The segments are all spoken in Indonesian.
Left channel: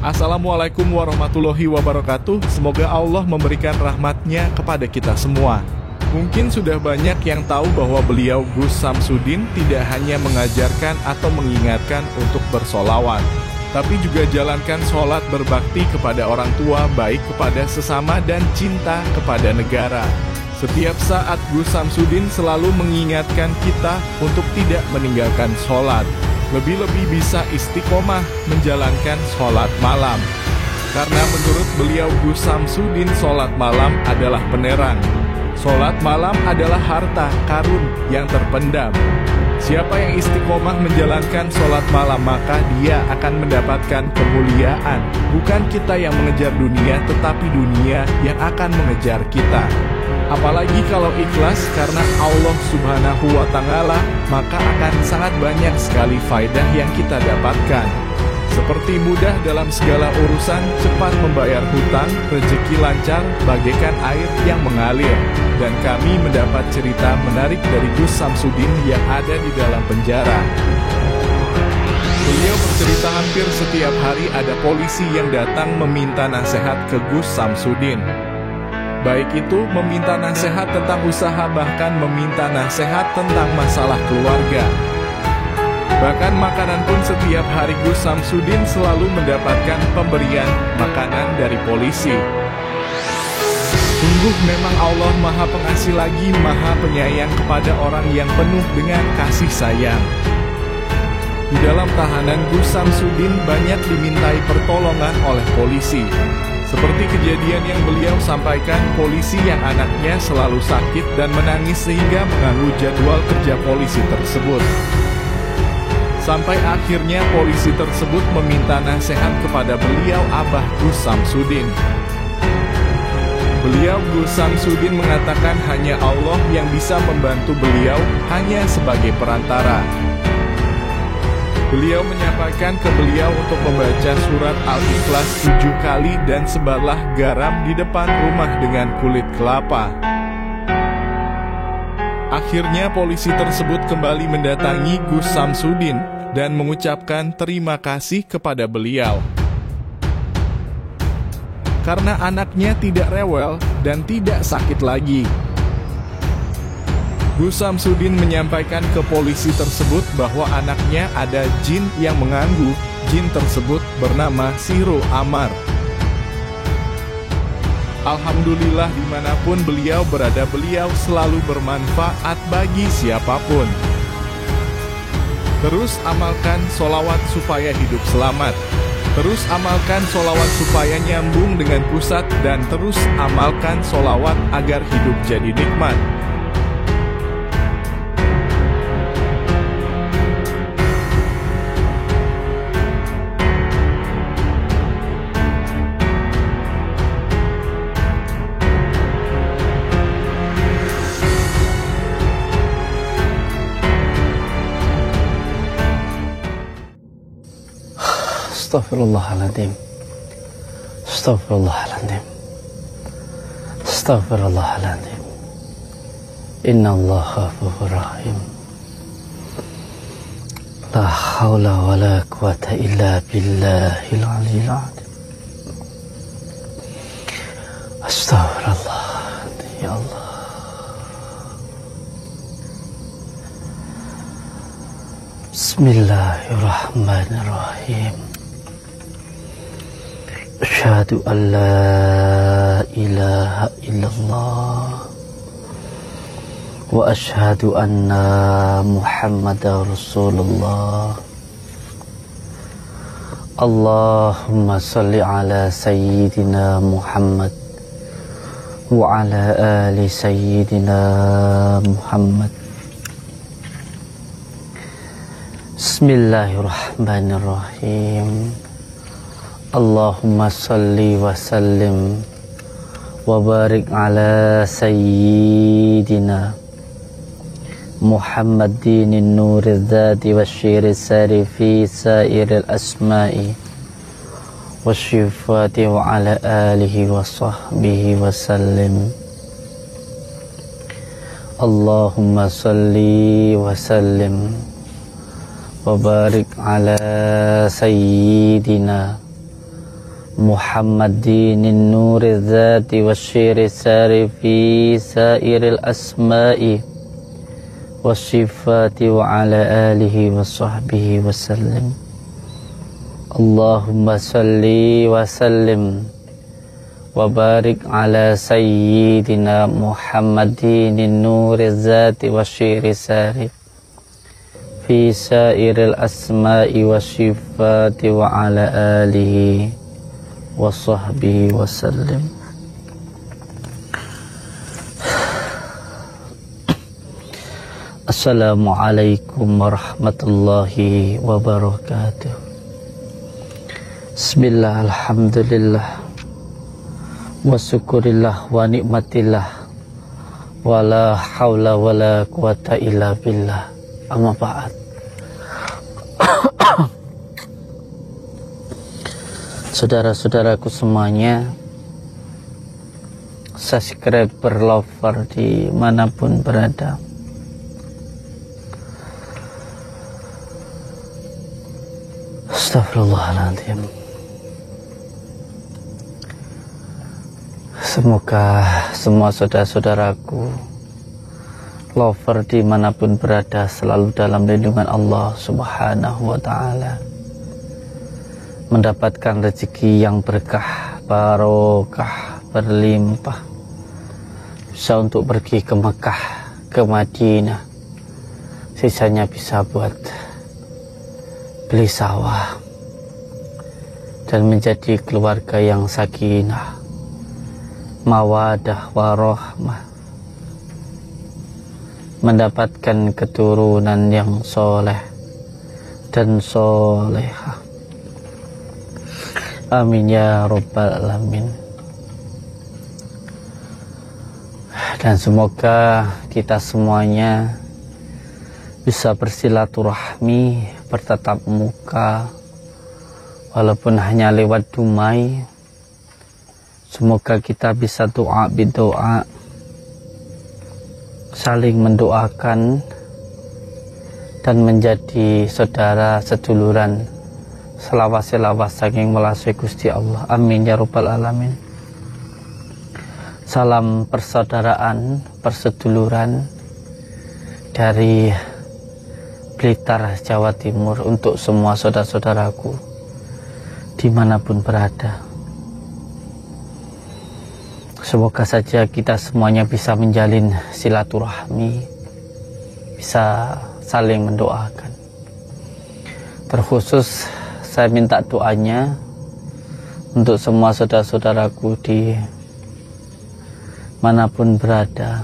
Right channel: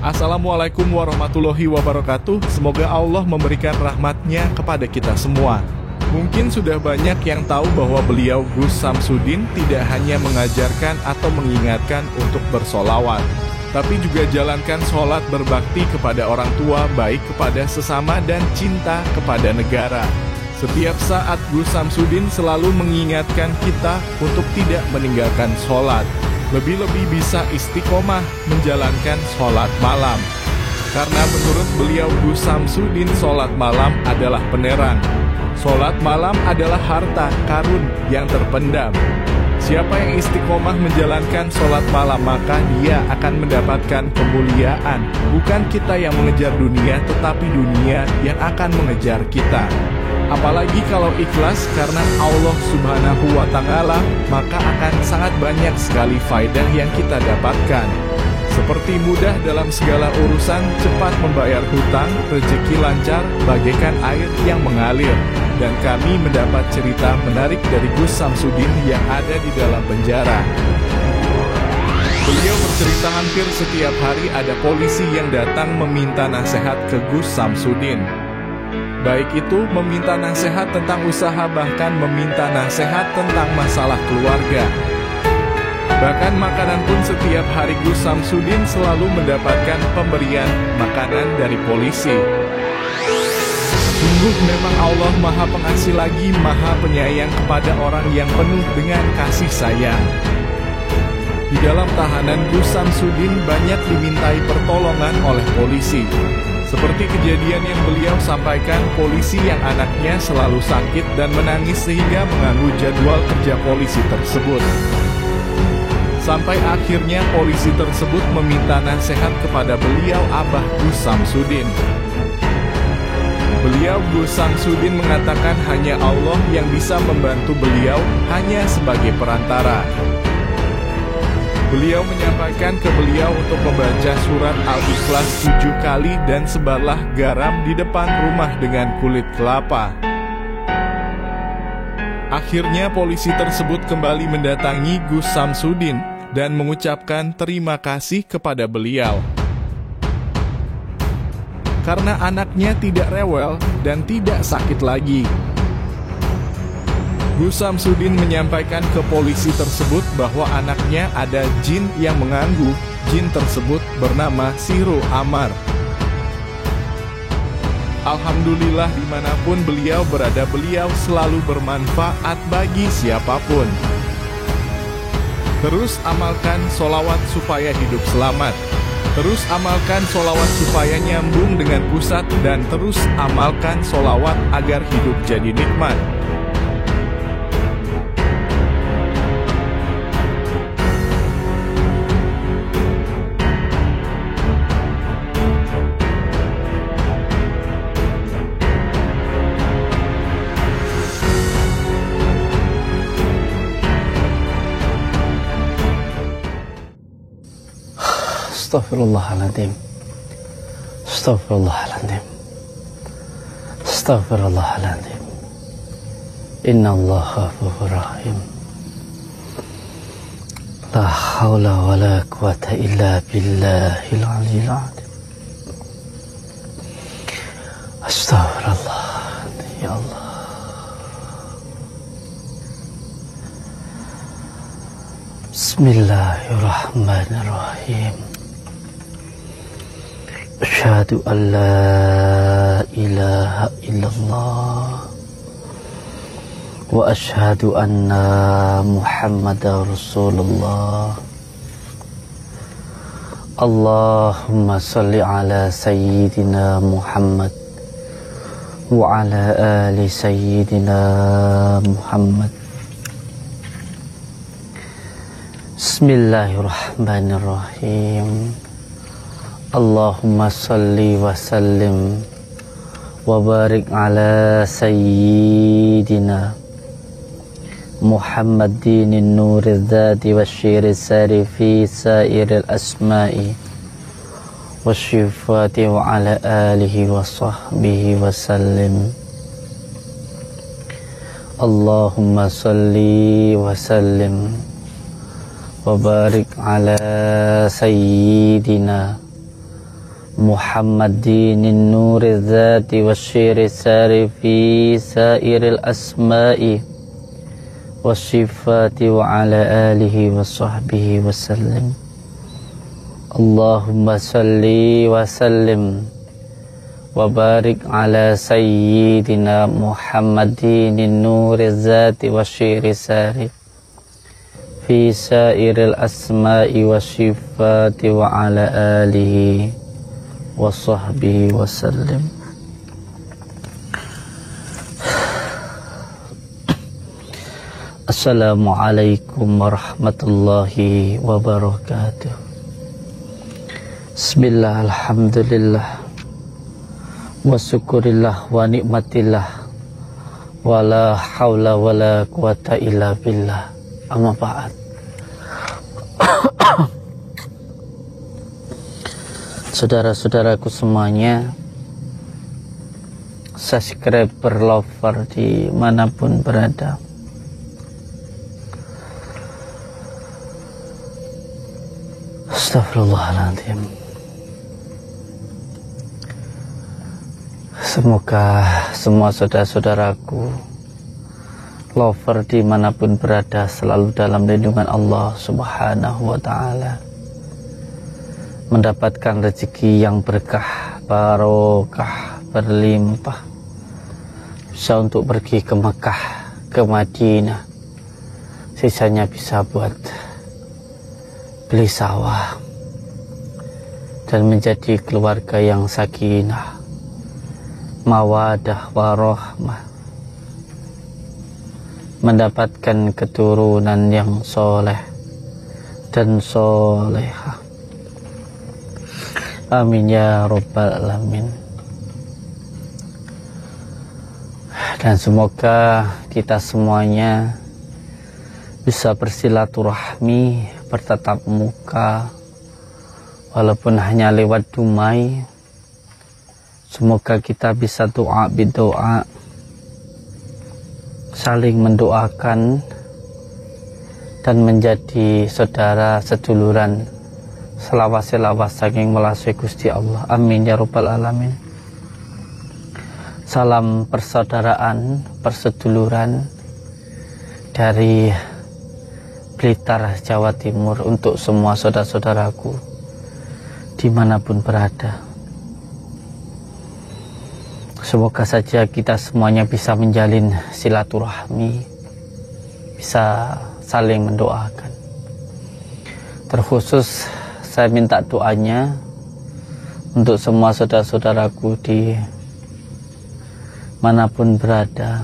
Assalamualaikum warahmatullahi wabarakatuh. Semoga Allah memberikan rahmatnya kepada kita semua. Mungkin sudah banyak yang tahu bahwa beliau Gus Samsudin tidak hanya mengajarkan atau mengingatkan untuk bersolawat, tapi juga jalankan sholat berbakti kepada orang tua, baik kepada sesama dan cinta kepada negara. Setiap saat Gus Samsudin selalu mengingatkan kita untuk tidak meninggalkan sholat. Lebih-lebih bisa istiqomah menjalankan sholat malam. Karena menurut beliau Gus Samsudin, sholat malam adalah penerang. Sholat malam adalah harta karun yang terpendam. Siapa yang istiqomah menjalankan sholat malam, maka dia akan mendapatkan kemuliaan. Bukan kita yang mengejar dunia, tetapi dunia yang akan mengejar kita. Apalagi kalau ikhlas karena Allah Subhanahu wa Ta'ala, maka akan sangat banyak sekali faedah yang kita dapatkan. Seperti mudah dalam segala urusan, cepat membayar hutang, rezeki lancar, bagaikan air yang mengalir. Dan kami mendapat cerita menarik dari Gus Samsudin yang ada di dalam penjara. Beliau bercerita hampir setiap hari ada polisi yang datang meminta nasihat ke Gus Samsudin. Baik itu meminta nasihat tentang usaha, bahkan meminta nasihat tentang masalah keluarga. Bahkan makanan pun setiap hari Gus Samsudin selalu mendapatkan pemberian makanan dari polisi. Sungguh memang Allah Maha Pengasih lagi Maha Penyayang kepada orang yang penuh dengan kasih sayang. Di dalam tahanan, Gus Samsudin banyak dimintai pertolongan oleh polisi. Seperti kejadian yang beliau sampaikan, polisi yang anaknya selalu sakit dan menangis sehingga mengganggu jadwal kerja polisi tersebut. Sampai akhirnya polisi tersebut meminta nasihat kepada beliau Abah Gus Samsudin. Beliau Gus Samsudin mengatakan hanya Allah yang bisa membantu beliau, hanya sebagai perantara. Beliau menyampaikan ke beliau untuk membaca surat Al-Ikhlas 7 kali dan sebarlah garam di depan rumah dengan kulit kelapa. Akhirnya polisi tersebut kembali mendatangi Gus Samsudin dan mengucapkan terima kasih kepada beliau. Karena anaknya tidak rewel dan tidak sakit lagi. Gus Samsudin menyampaikan ke polisi tersebut bahwa anaknya ada jin yang mengganggu. Jin tersebut bernama Siro Amar. Alhamdulillah dimanapun beliau berada, beliau selalu bermanfaat bagi siapapun. Terus amalkan solawat supaya hidup selamat. Terus amalkan solawat supaya nyambung dengan pusat. Dan terus amalkan solawat agar hidup jadi nikmat. Astaghfirullahaladzim. Astaghfirullahaladzim. Astaghfirullahaladzim. Innallaha ghafurur rahim. La haula wa la quwwata illa billahil aliyyil azim. Astaghfirullah. Ya Allah. Bismillahirrahmanirrahim. Asyhadu an la ilaha illallah wa asyhadu anna Muhammadar Rasulullah. Allahumma salli ala sayyidina Muhammad wa ala ali sayyidina Muhammad. Bismillahirrahmanirrahim. Allahumma salli wa sallim wa barik ala sayyidina Muhammadin nuril dhati wa syiril sari fi sairil asma'i wa syifati wa ala alihi wa sahbihi wa sallim. Allahumma salli wa sallim wa barik ala sayyidina محمدين النور الذات والشير الساري في سائر الأسماء والصفات وعلى آله وصحبه وسلم اللهم صل وسلم وبارك على سيدنا محمدين النور الذات والشير الساري في سائر الأسماء والصفات وعلى آله وصحبه وسلم. Assalamualaikum warahmatullahi wabarakatuh. Bismillah, alhamdulillah, wa syukurillah, wa nikmatillah, wa la hawla wa la quwata illa billah. Amma ba'd. Saudara-saudaraku semuanya, subscriber, lover dimanapun berada, astagfirullahaladzim. Semoga semua saudara-saudaraku lover dimanapun berada selalu dalam lindungan Allah Subhanahu wa ta'ala, mendapatkan rezeki yang berkah, barokah, berlimpah, bisa untuk pergi ke Makkah, ke Madinah, sisanya bisa buat beli sawah dan menjadi keluarga yang sakinah, mawadah, warahmah, mendapatkan keturunan yang soleh dan solehah. Amin ya rabbal alamin. Dan semoga kita semuanya bisa bersilaturahmi, bertatap muka, walaupun hanya lewat dumai. Semoga kita bisa doa bidoa, saling mendoakan dan menjadi saudara seduluran, selawas-selawas saking melasui Gusti Allah. Amin ya rabbal alamin. Salam persaudaraan, perseduluran dari Blitar, Jawa Timur untuk semua saudara-saudaraku dimanapun berada. Semoga saja kita semuanya bisa menjalin silaturahmi, bisa saling mendoakan. Terkhusus saya minta doanya untuk semua saudara-saudaraku di manapun berada.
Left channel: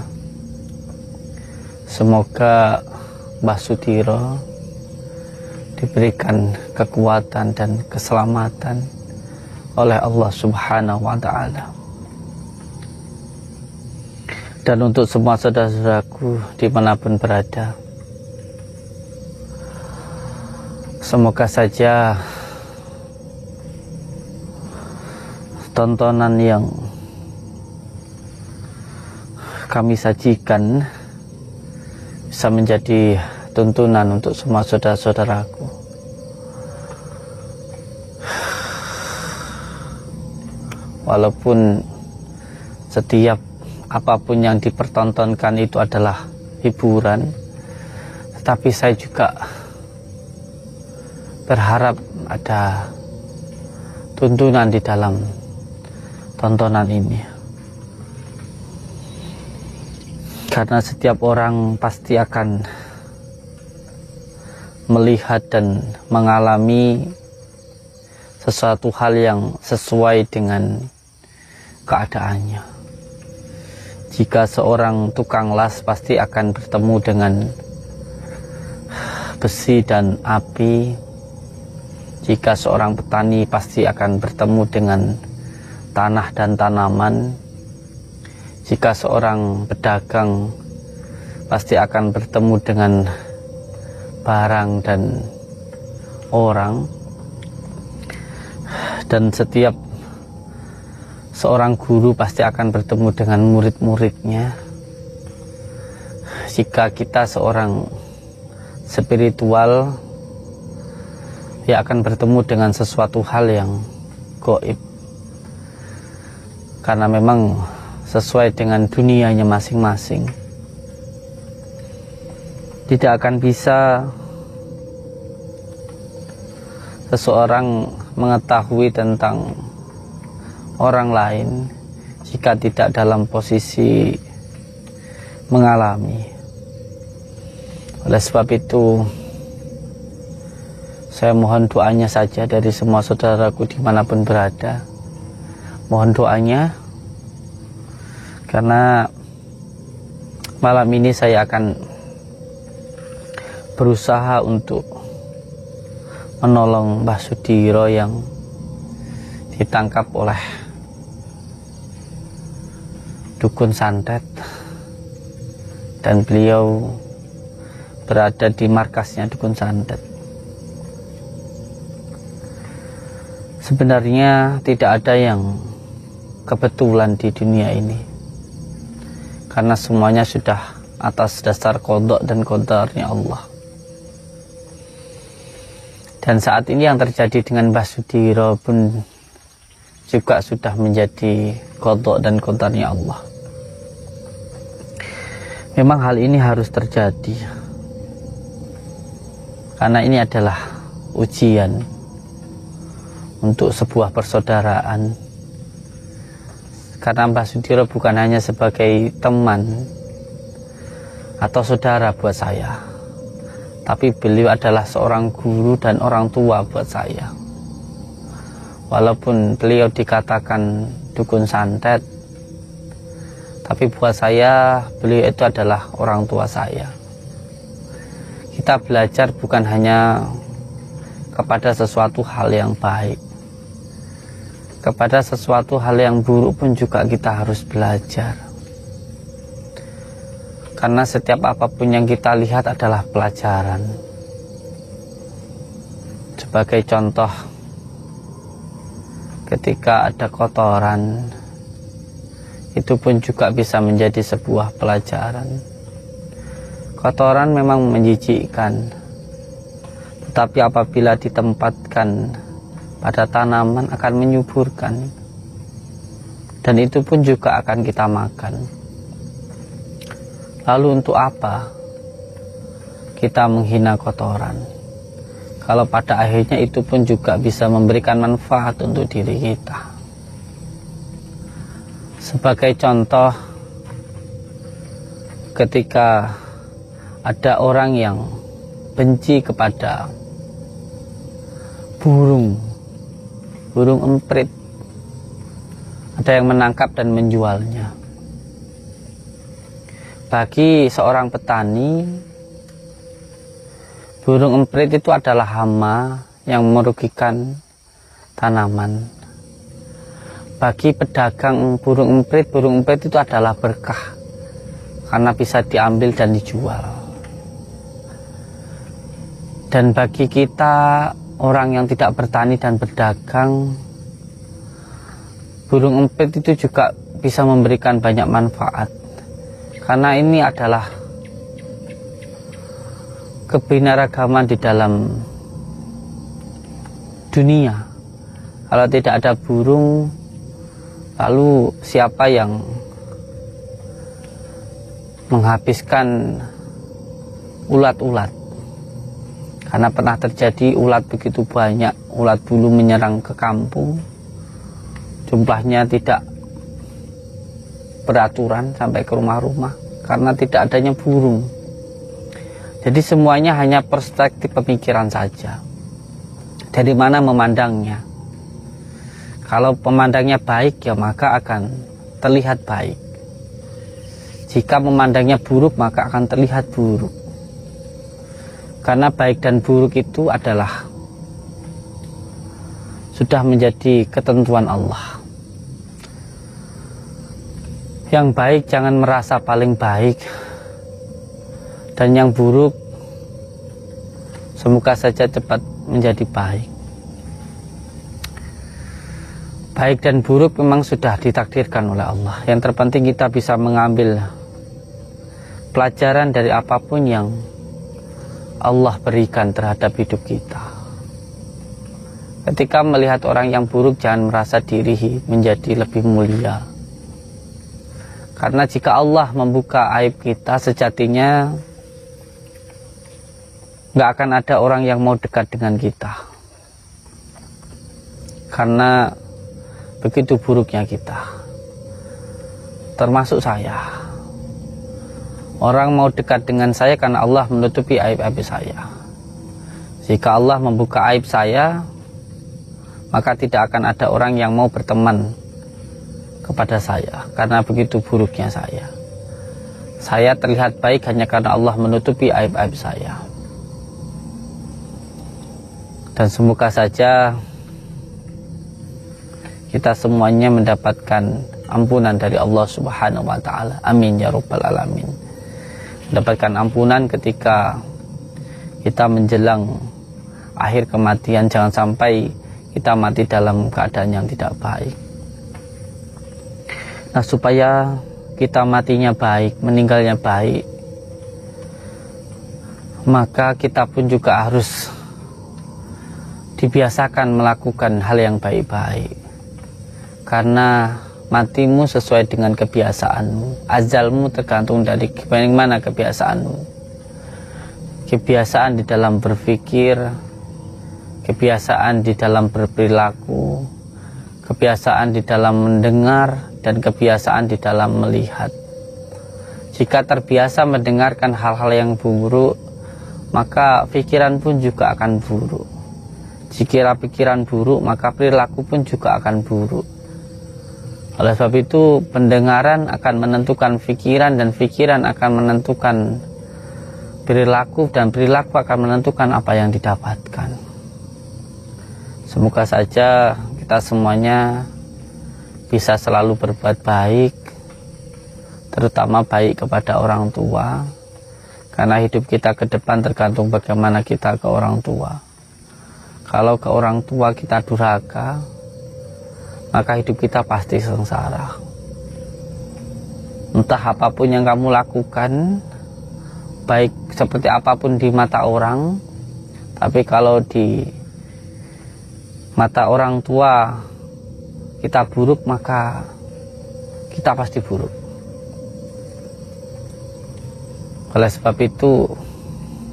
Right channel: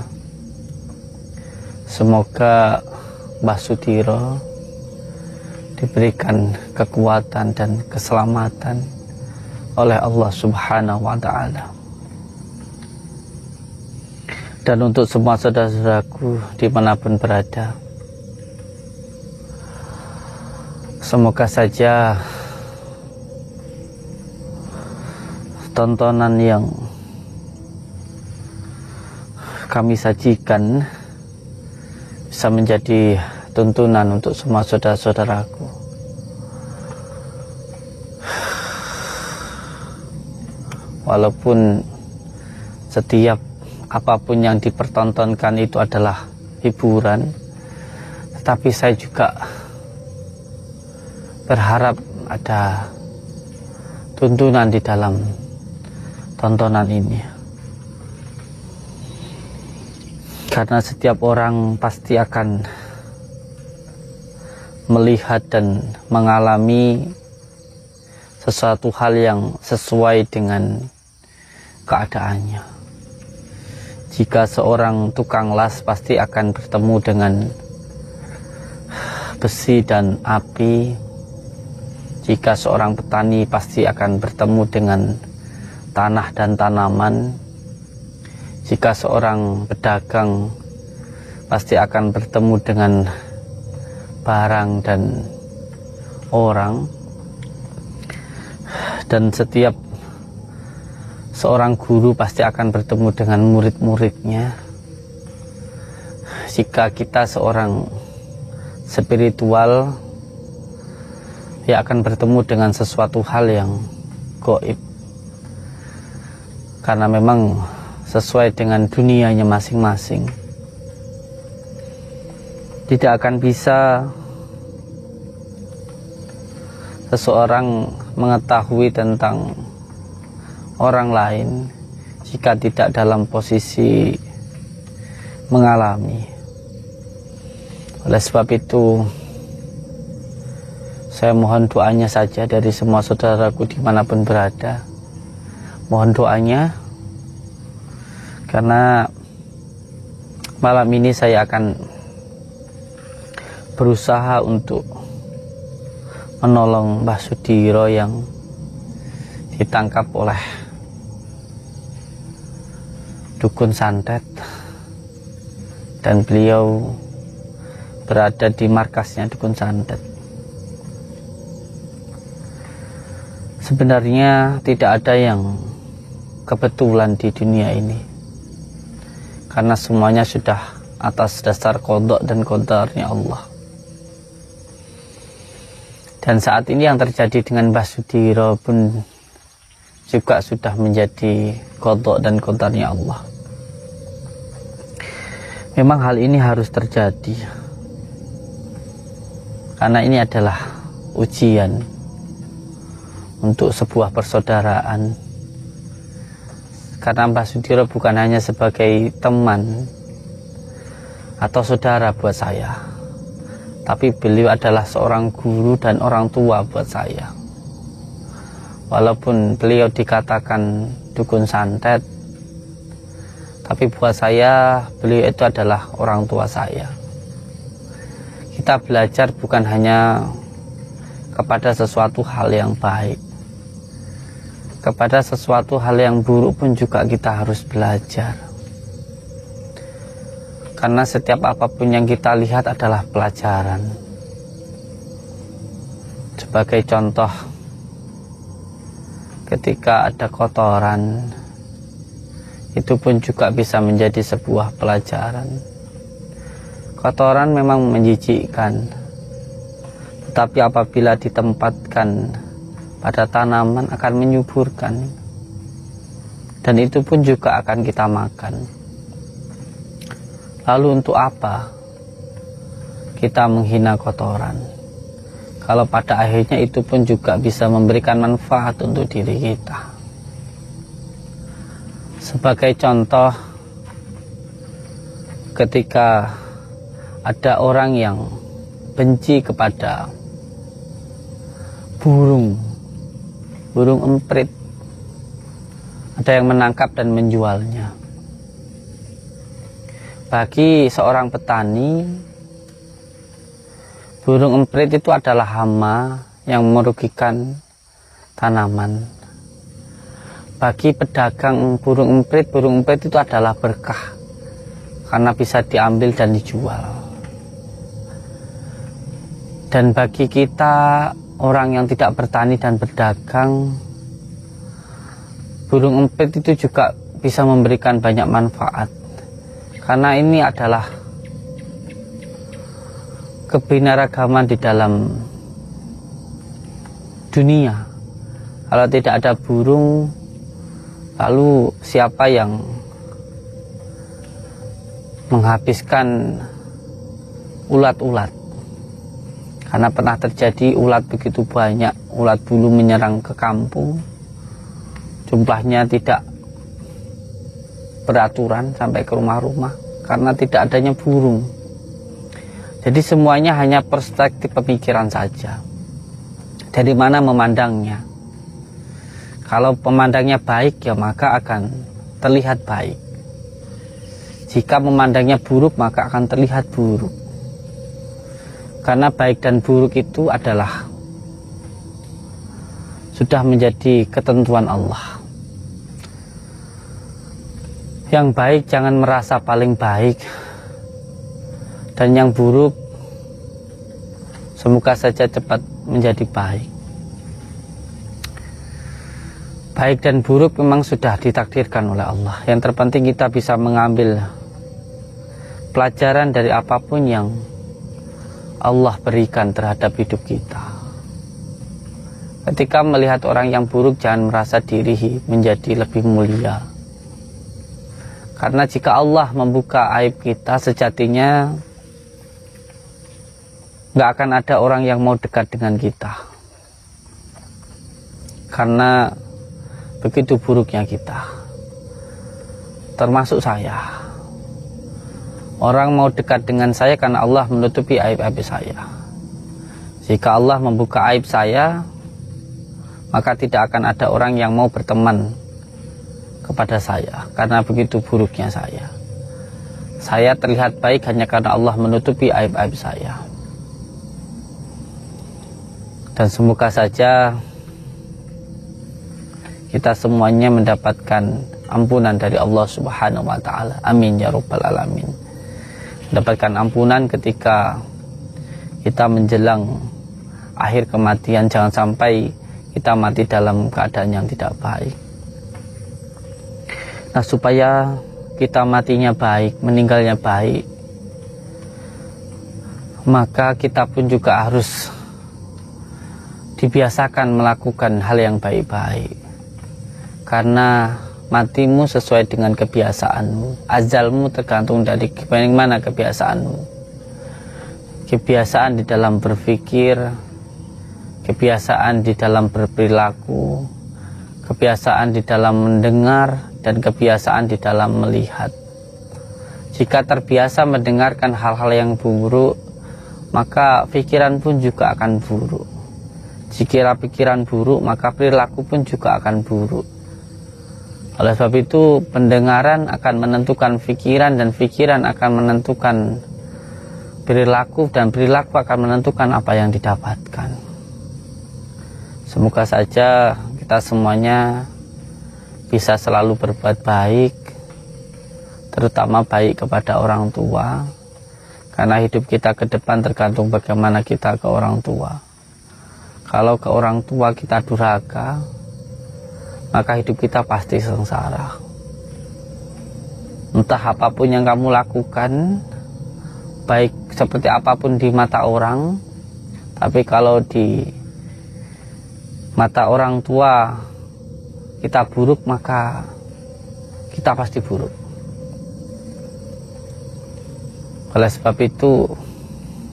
Semoga Mbah Sudiro diberikan kekuatan dan keselamatan oleh Allah Subhanahu wa ta'ala. Dan untuk semua saudara-saudaraku dimanapun berada, semoga saja tontonan yang kami sajikan bisa menjadi tuntunan untuk semua saudara-saudaraku. Walaupun setiap apapun yang dipertontonkan itu adalah hiburan, tetapi saya juga berharap ada tuntunan di dalam tontonan ini, karena setiap orang pasti akan melihat dan mengalami sesuatu hal yang sesuai dengan keadaannya. Jika seorang tukang las pasti akan bertemu dengan besi dan api. Jika seorang petani pasti akan bertemu dengan tanah dan tanaman. Jika seorang pedagang pasti akan bertemu dengan barang dan orang. Dan setiap seorang guru pasti akan bertemu dengan murid-muridnya. Jika kita seorang spiritual, ya akan bertemu dengan sesuatu hal yang gaib, karena memang sesuai dengan dunianya masing-masing. Tidak akan bisa seseorang mengetahui tentang orang lain jika tidak dalam posisi mengalami. Oleh sebab itu, saya mohon doanya saja dari semua saudaraku dimanapun berada. Mohon doanya, karena malam ini saya akan berusaha untuk menolong Mbah Sudiro yang ditangkap oleh dukun santet, dan beliau berada di markasnya dukun santet. Sebenarnya tidak ada yang kebetulan di dunia ini, karena semuanya sudah atas dasar qada dan qadarnya Allah. Dan saat ini yang terjadi dengan Mbah Sudiro pun juga sudah menjadi qada dan qadarnya Allah. Memang hal ini harus terjadi, karena ini adalah ujian untuk sebuah persaudaraan. Karena Mbah Sudiro bukan hanya sebagai teman atau saudara buat saya, tapi beliau adalah seorang guru dan orang tua buat saya. Walaupun beliau dikatakan dukun santet, tapi buat saya beliau itu adalah orang tua saya. Kita belajar bukan hanya kepada sesuatu hal yang baik, kepada sesuatu hal yang buruk pun juga kita harus belajar. Karena setiap apapun yang kita lihat adalah pelajaran. Sebagai contoh, ketika ada kotoran, itu pun juga bisa menjadi sebuah pelajaran. Kotoran memang menjijikkan, tetapi apabila ditempatkan pada tanaman akan menyuburkan, dan itu pun juga akan kita makan. Lalu untuk apa kita menghina kotoran, kalau pada akhirnya itu pun juga bisa memberikan manfaat untuk diri kita? Sebagai contoh, ketika ada orang yang benci kepada burung emprit, ada yang menangkap dan menjualnya. Bagi seorang petani, burung emprit itu adalah hama yang merugikan tanaman. Bagi pedagang burung emprit itu adalah berkah, karena bisa diambil dan dijual. Dan bagi kita, orang yang tidak bertani dan berdagang, burung emprit itu juga bisa memberikan banyak manfaat, karena ini adalah kebinaragaman di dalam dunia. Kalau tidak ada burung, lalu siapa yang menghabiskan ulat-ulat? Karena pernah terjadi ulat begitu banyak, ulat bulu menyerang ke kampung, jumlahnya tidak beraturan sampai ke rumah-rumah karena tidak adanya burung. Jadi semuanya hanya perspektif pemikiran saja. Dari mana memandangnya? Kalau pemandangnya baik, ya maka akan terlihat baik. Jika memandangnya buruk, maka akan terlihat buruk. Karena baik dan buruk itu adalah sudah menjadi ketentuan Allah. Yang baik jangan merasa paling baik, dan yang buruk semoga saja cepat menjadi baik. Baik dan buruk memang sudah ditakdirkan oleh Allah. Yang terpenting kita bisa mengambil pelajaran dari apapun yang Allah berikan terhadap hidup kita. Ketika melihat orang yang buruk, jangan merasa diri menjadi lebih mulia. Karena jika Allah membuka aib kita, sejatinya nggak akan ada orang yang mau dekat dengan kita. Karena begitu buruknya kita, termasuk saya. Orang mau dekat dengan saya karena Allah menutupi aib-aib saya. Jika Allah membuka aib saya, maka tidak akan ada orang yang mau berteman kepada saya, karena begitu buruknya saya. Saya terlihat baik hanya karena Allah menutupi aib-aib saya. Dan semoga saja kita semuanya mendapatkan ampunan dari Allah Subhanahu wa Ta'ala. Amin ya Rabbal Alamin. Mendapatkan ampunan ketika kita menjelang akhir kematian. Jangan sampai kita mati dalam keadaan yang tidak baik. Nah, supaya kita matinya baik, meninggalnya baik, maka kita pun juga harus dibiasakan melakukan hal yang baik-baik. Karena matimu sesuai dengan kebiasaan. Azalmu tergantung dari bagaimana kebiasaanmu. Kebiasaan di dalam berpikir, kebiasaan di dalam berperilaku, kebiasaan di dalam mendengar, dan kebiasaan di dalam melihat. Jika terbiasa mendengarkan hal-hal yang buruk, maka pikiran pun juga akan buruk. Jika pikiran buruk, maka perilaku pun juga akan buruk. Oleh sebab itu, pendengaran akan menentukan pikiran, dan pikiran akan menentukan perilaku, dan perilaku akan menentukan apa yang didapatkan. Semoga saja kita semuanya bisa selalu berbuat baik, terutama baik kepada orang tua, karena hidup kita ke depan tergantung bagaimana kita ke orang tua. Kalau ke orang tua kita durhaka, maka hidup kita pasti sengsara. Entah apapun yang kamu lakukan, baik seperti apapun di mata orang, tapi kalau di mata orang tua kita buruk, maka kita pasti buruk. Oleh sebab itu,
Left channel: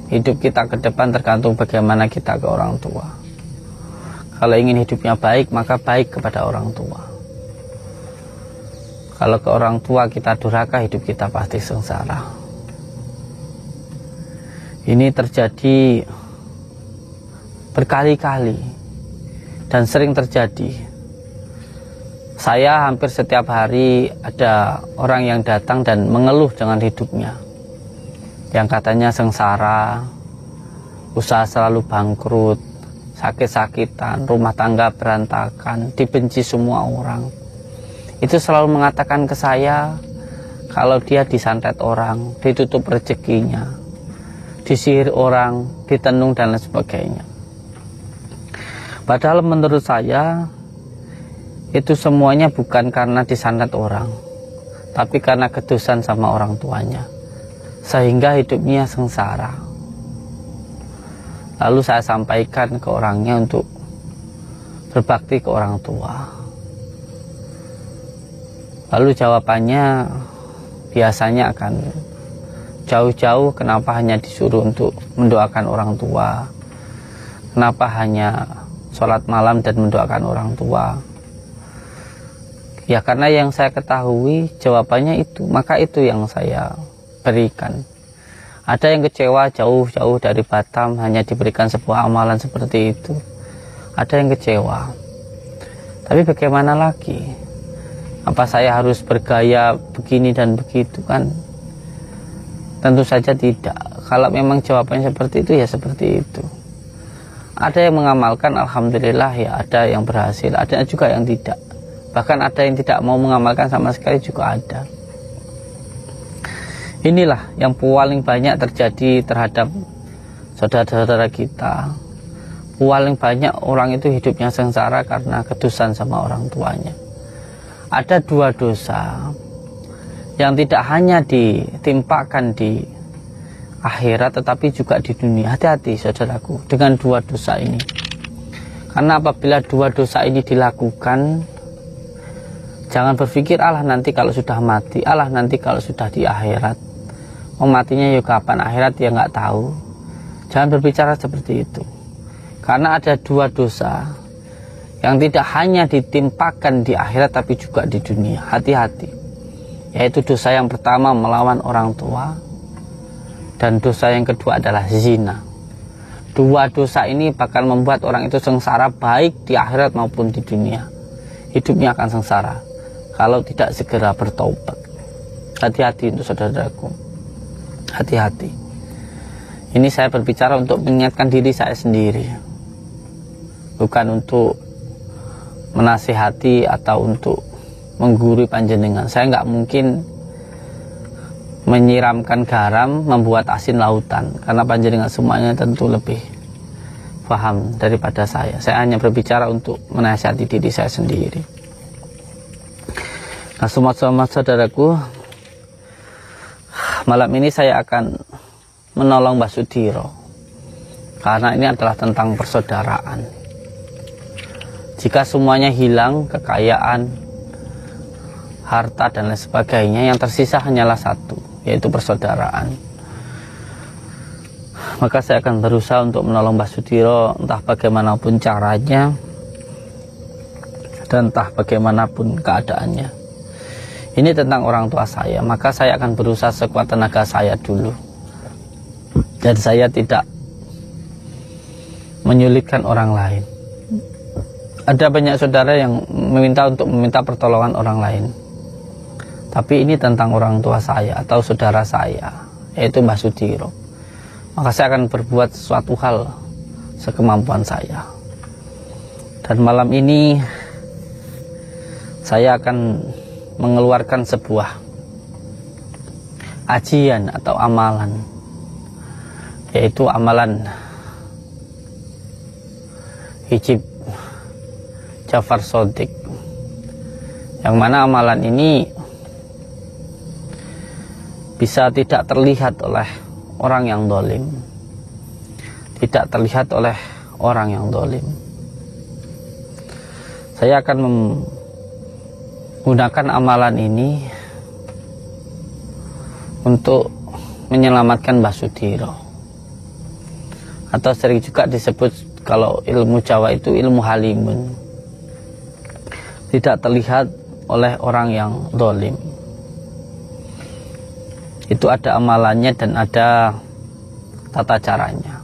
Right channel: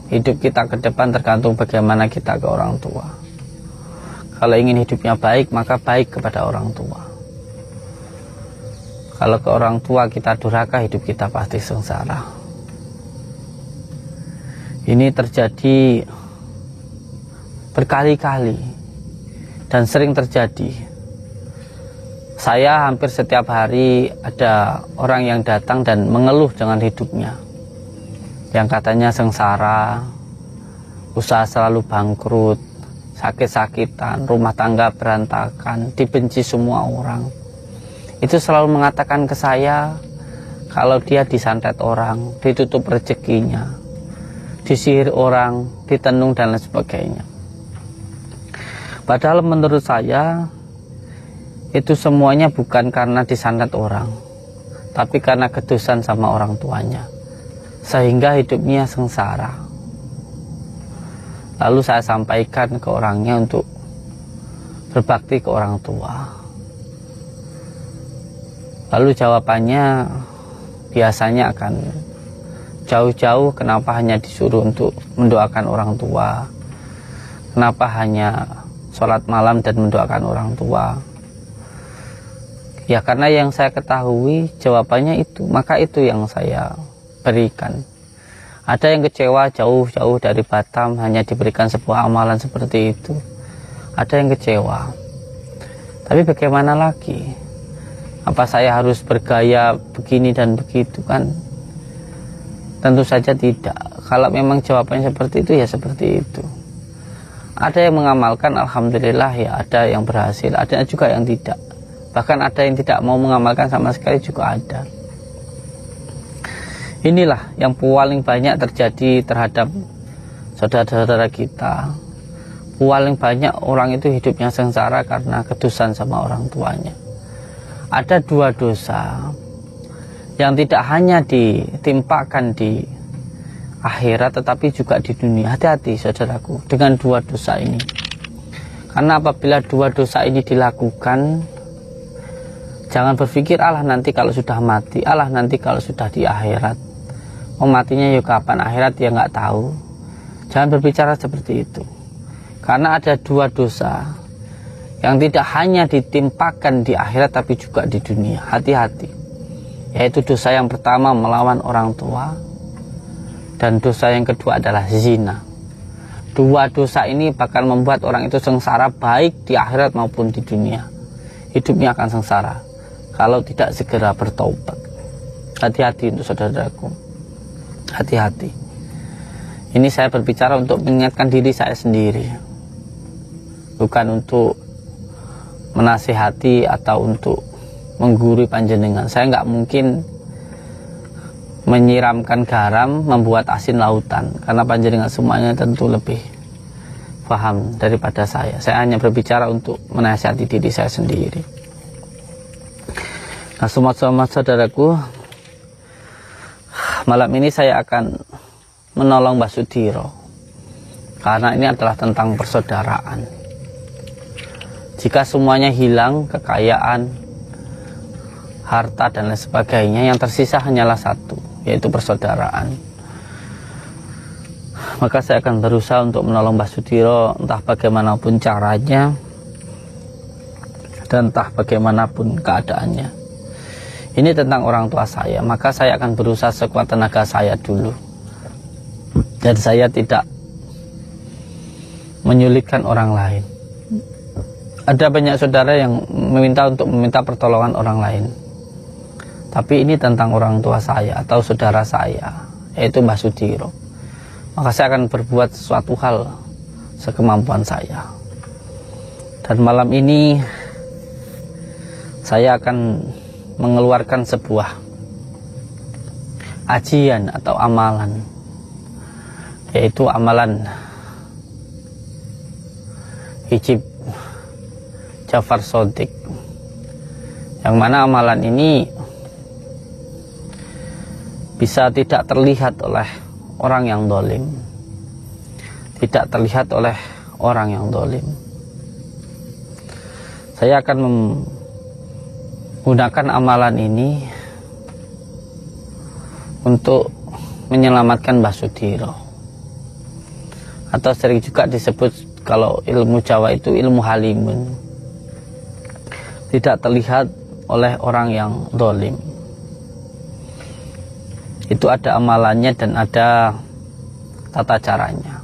hidup kita ke depan tergantung bagaimana kita ke orang tua. Kalau ingin hidupnya baik, maka baik kepada orang tua. Kalau ke orang tua kita durhaka, hidup kita pasti sengsara. Ini terjadi berkali-kali dan sering terjadi. Saya hampir setiap hari ada orang yang datang dan mengeluh dengan hidupnya. Yang katanya sengsara, usaha selalu bangkrut, sakit-sakitan, rumah tangga berantakan, dibenci semua orang. Itu selalu mengatakan ke saya kalau dia disantet orang, ditutup rezekinya, disihir orang, ditenung dan lain sebagainya. Padahal menurut saya itu semuanya bukan karena disantet orang, tapi karena kedusan sama orang tuanya, sehingga hidupnya sengsara. Lalu saya sampaikan ke orangnya untuk berbakti ke orang tua. Lalu jawabannya biasanya akan jauh-jauh, kenapa hanya disuruh untuk mendoakan orang tua, kenapa hanya sholat malam dan mendoakan orang tua. Ya karena yang saya ketahui jawabannya itu, maka itu yang saya berikan. Ada yang kecewa jauh-jauh dari Batam hanya diberikan sebuah amalan seperti itu. Ada yang kecewa. Tapi bagaimana lagi? Apa saya harus bergaya begini dan begitu kan? Tentu saja tidak. Kalau memang jawabannya seperti itu, ya seperti itu. Ada yang mengamalkan, alhamdulillah ya, ada yang berhasil, ada juga yang tidak. Bahkan ada yang tidak mau mengamalkan sama sekali juga ada. Inilah yang paling banyak terjadi terhadap saudara-saudara kita. Paling banyak orang itu hidupnya sengsara karena kedusan sama orang tuanya. Ada dua dosa yang tidak hanya ditimpakan di akhirat tetapi juga di dunia. Hati-hati saudaraku dengan dua dosa ini. Karena apabila dua dosa ini dilakukan, Jangan berpikir Allah nanti kalau sudah mati, Allah nanti kalau sudah di akhirat. Matinya juga kapan akhirat ya nggak tahu. Jangan berbicara seperti itu. Karena ada dua dosa yang tidak hanya ditimpakan di akhirat tapi juga di dunia. Hati-hati. Yaitu dosa yang pertama melawan orang tua, dan dosa yang kedua adalah zina. Dua dosa ini bakal membuat orang itu sengsara baik di akhirat maupun di dunia. Hidupnya akan sengsara kalau tidak segera bertaubat. Hati-hati untuk saudaraku. Hati-hati. Ini saya berbicara untuk mengingatkan diri saya sendiri, bukan untuk menasihati atau untuk menggurui panjenengan. Saya nggak mungkin menyiramkan garam membuat asin lautan, karena panjenengan semuanya tentu lebih paham daripada saya. Saya hanya berbicara untuk menasihati diri saya sendiri. Nah, semua saudaraku, malam ini saya akan menolong Mbah Sudiro, karena ini adalah tentang persaudaraan. Jika semuanya hilang, kekayaan, harta dan lain sebagainya, yang tersisa hanyalah satu, yaitu persaudaraan. Maka saya akan berusaha untuk menolong Mbah Sudiro, entah bagaimanapun caranya dan entah bagaimanapun keadaannya. Ini tentang orang tua saya, maka saya akan berusaha sekuat tenaga saya dulu. Dan saya tidak menyulitkan orang lain. Ada banyak saudara yang meminta pertolongan orang lain. Tapi ini tentang orang tua saya atau saudara saya, yaitu Mbah Sudiro. Maka saya akan berbuat sesuatu hal sekemampuan saya. Dan malam ini saya akan mengeluarkan sebuah ajian atau amalan, yaitu amalan Hijib Jafar Shodiq, yang mana amalan ini bisa tidak terlihat oleh orang yang zalim, tidak terlihat oleh orang yang zalim. Saya akan menggunakan amalan ini untuk menyelamatkan Mbah Sudiro, atau sering juga disebut kalau ilmu Jawa itu ilmu halimun, tidak terlihat oleh orang yang zalim. Itu ada amalannya dan ada tata caranya.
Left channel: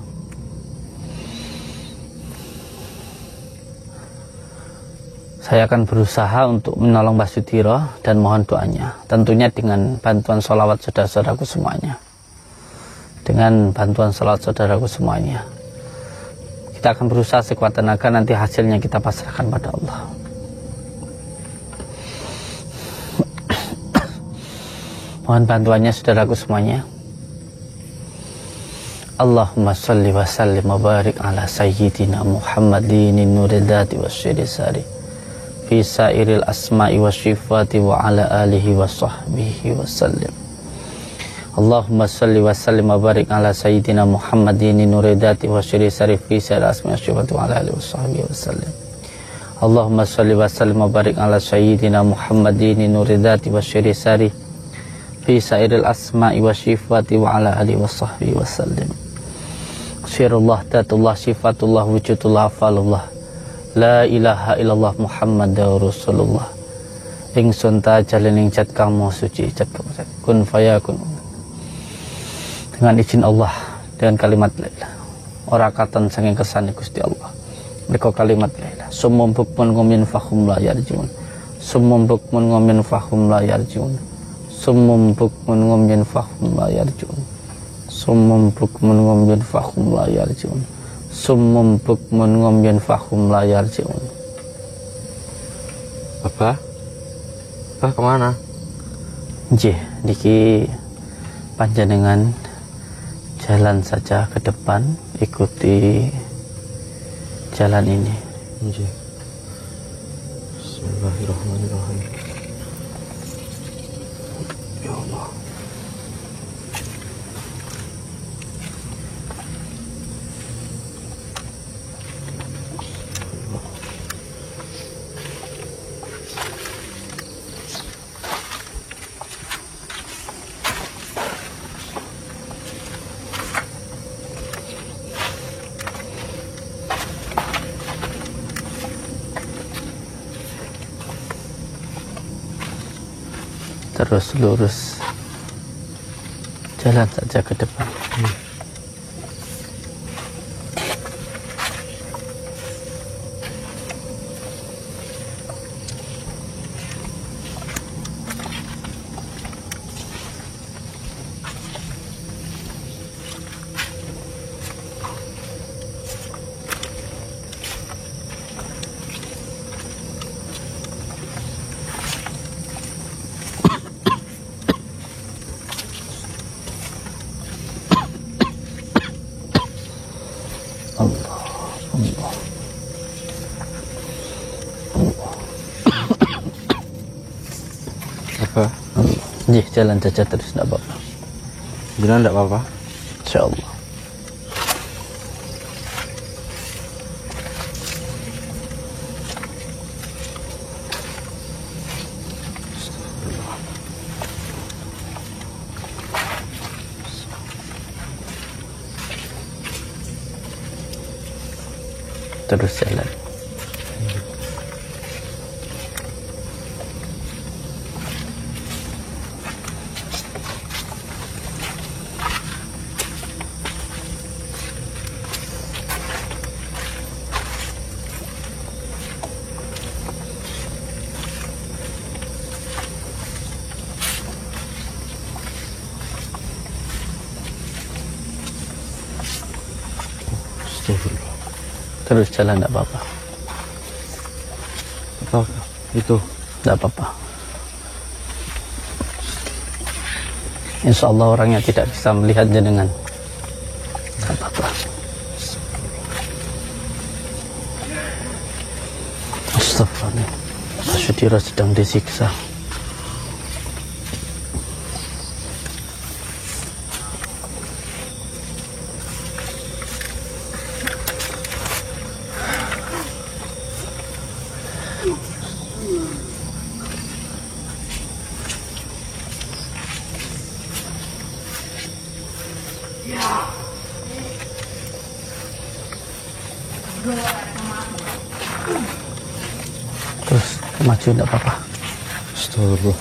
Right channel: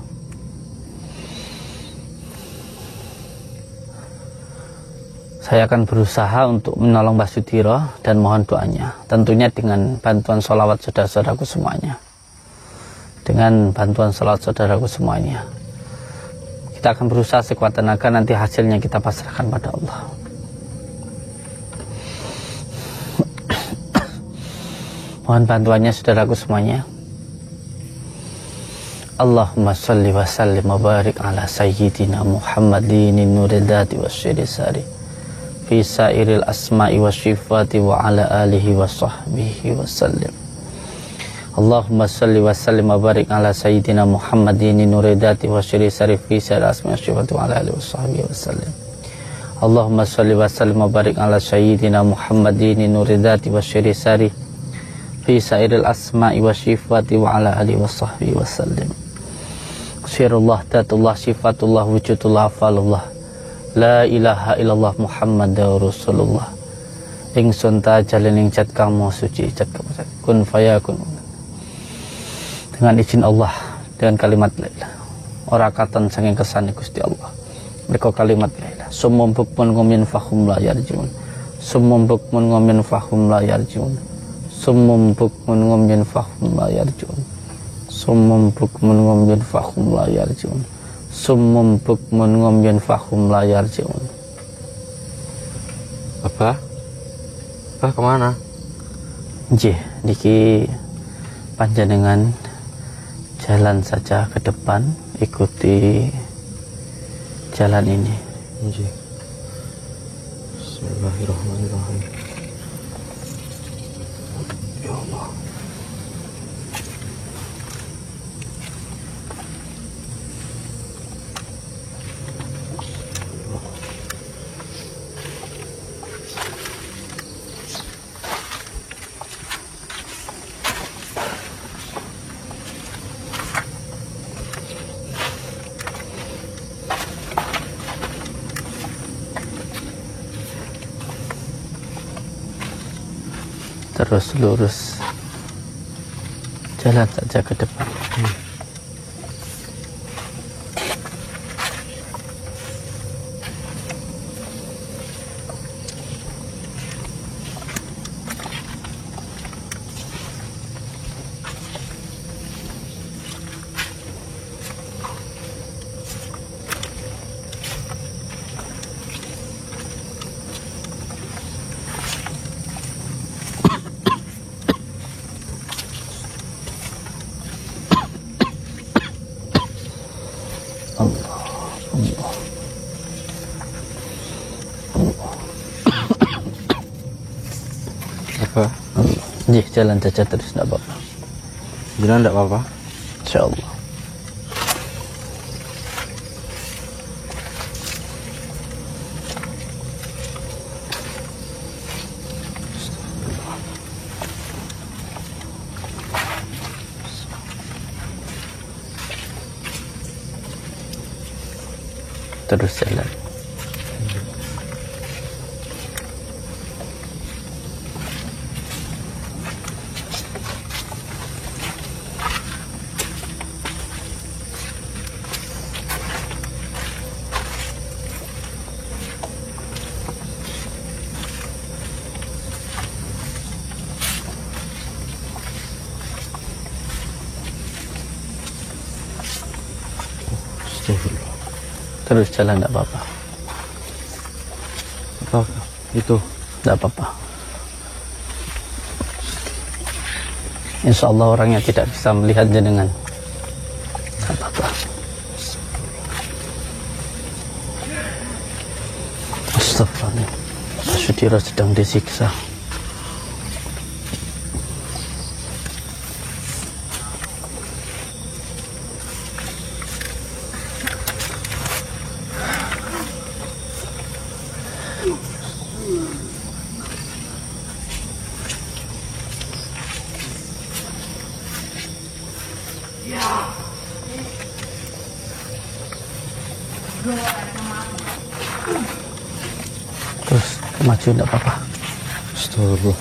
Saya akan berusaha untuk menolong Mbah Sudiro dan mohon doanya. Tentunya dengan bantuan sholawat saudara-saudaraku semuanya. Dengan bantuan sholawat saudaraku semuanya. Kita akan berusaha sekuat tenaga, nanti hasilnya kita pasrahkan pada Allah. Mohon bantuannya saudaraku semuanya. Allahumma salli wa sallim wa barik ala sayyidina Muhammadin muridati wassalamu bisairil asma'i wa sifati wa ala alihi wa sahbihi wa sallam. Allahumma salli wa sallim wa barik ala sayyidina Muhammadin nuridati wa syiri sarif bisairil asma'i wa sifati wa ala alihi wa sahbihi wa sallam. Allahumma salli wa sallim wa barik ala sayyidina Muhammadin nuridati wa syiri sarif bisairil asma'i wa sifati wa ala alihi wa sahbihi wa sallam. Sirullah, datullah, sifatullah, wujudullah, afalullah, la ilaha illallah Muhammadur Rasulullah. Ingsun tajalin ing cat kamu suci cat kun fayakun. Dengan izin Allah, dengan kalimat la ilaha ora katon saking kersane Gusti Allah. Mereka kalimat la ilaha sumum bukmun ngumin fahum la yarjun. Sumum bukmun ngumin fahum la yarjun. Sumum bukmun ngumin fahum la yarjun. Sumum bukmun ngumin fahum la yarjun. Summum bukmun ngomyen fahum la yarji'un. Apa? Kemana? Nggih, niki panjenengan jalan saja ke depan, ikuti jalan ini. Nggih. Bismillahirrahmanirrahim. Ya Allah. Terus lurus. Jalan saja ke depan. Apa? Iya, jalan saja terus, tidak apa-apa. Benar tidak apa-apa? Insyaallah. Terus jalan. Terus jalan, tidak apa-apa. Oh, itu. Tidak apa-apa. Insya Allah orangnya tidak bisa melihat jenengan. Astagfirullah. Pak Sudiro sedang disiksa. Terus maju, tidak apa-apa. Astagfirullah.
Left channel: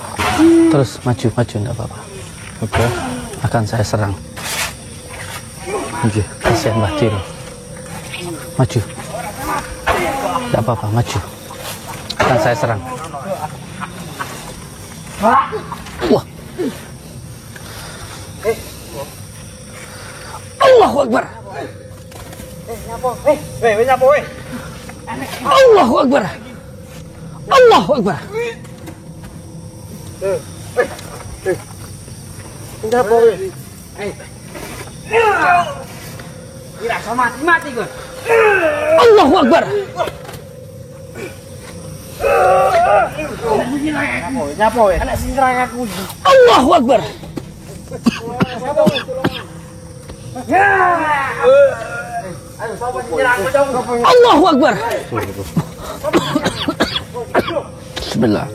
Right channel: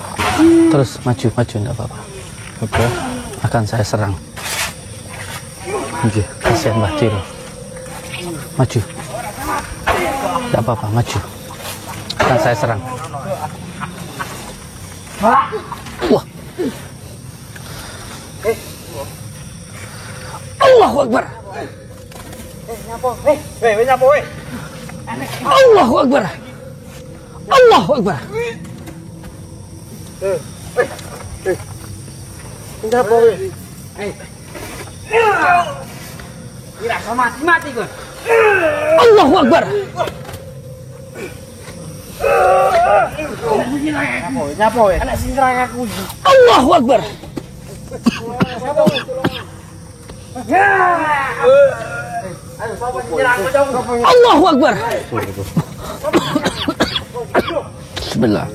Terus maju, tidak apa-apa. Oke. Terus yang maju. Maju. Tidak apa-apa, maju. Saya serang. Wah. Allahu Akbar. Allahu Akbar. Allahu Akbar. Allahu Akbar. Allahu Akbar. Bismillah.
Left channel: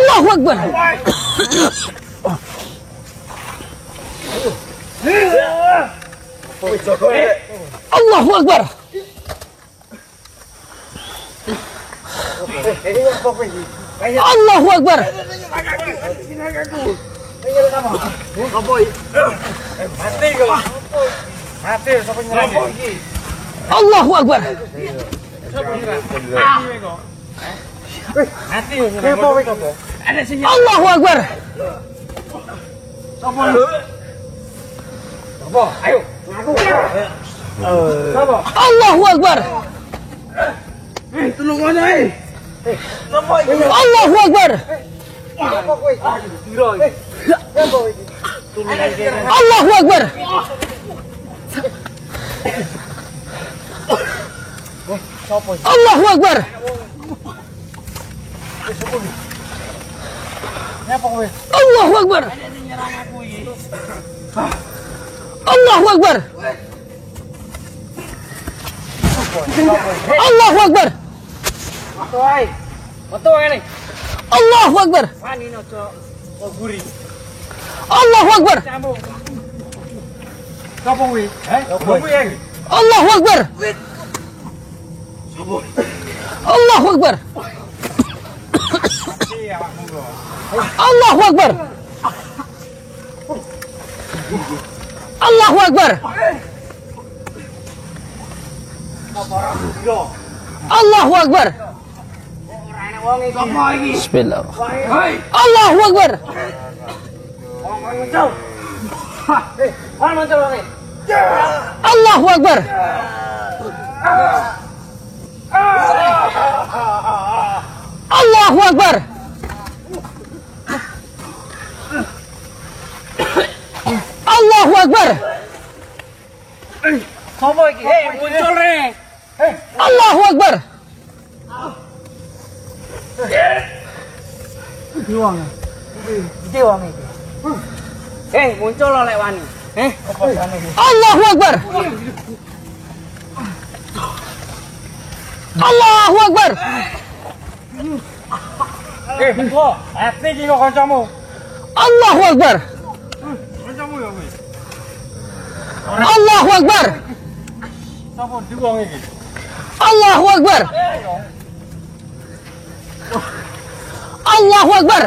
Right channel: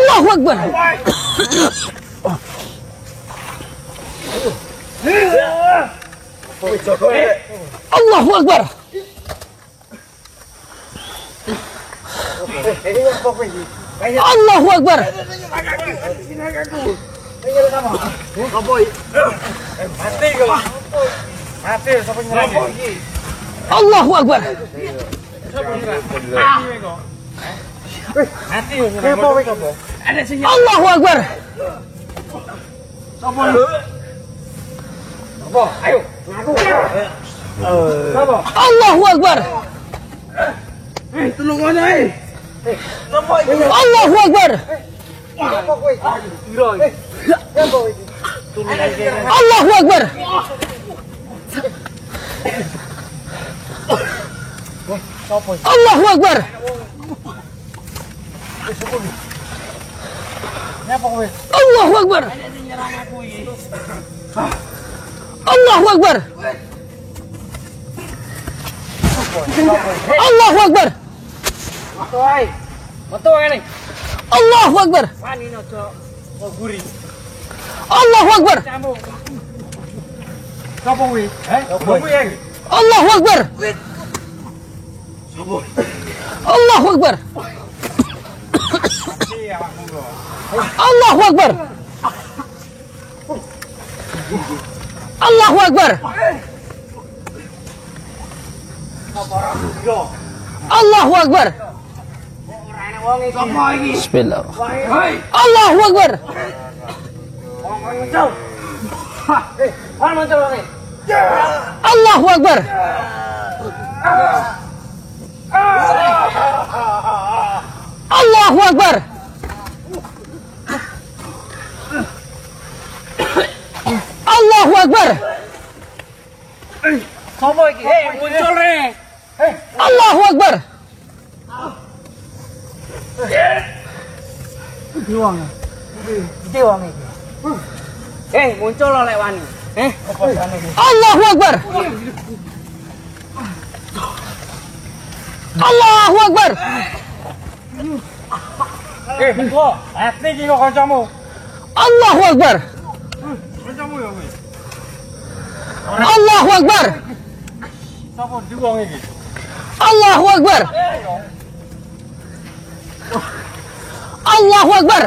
Allahu Akbar. Allahu Akbar. Allahu Akbar. Allahu Akbar. Allahu Akbar. Allahu Akbar. Allahu Akbar. Allahu Akbar. Allahu Akbar. Allahu Akbar. Allahu Akbar. Allahu Akbar. Allahu Akbar. Allahu Akbar. Allahu Akbar. Allahu Akbar. Allahu Akbar. Allahu Akbar. Allahu Akbar. Bismillah. Allahu Akbar. Allahu Akbar. Allahu Akbar. Allahu Akbar. Muncul nih. Allahu Akbar. Muncul loh lewan. Allahu Akbar. Allahu Akbar. Hati juga kancamu. Allahu Akbar. Allahu Akbar. Sapa diwong iki? Allahu Akbar. Allahu Akbar.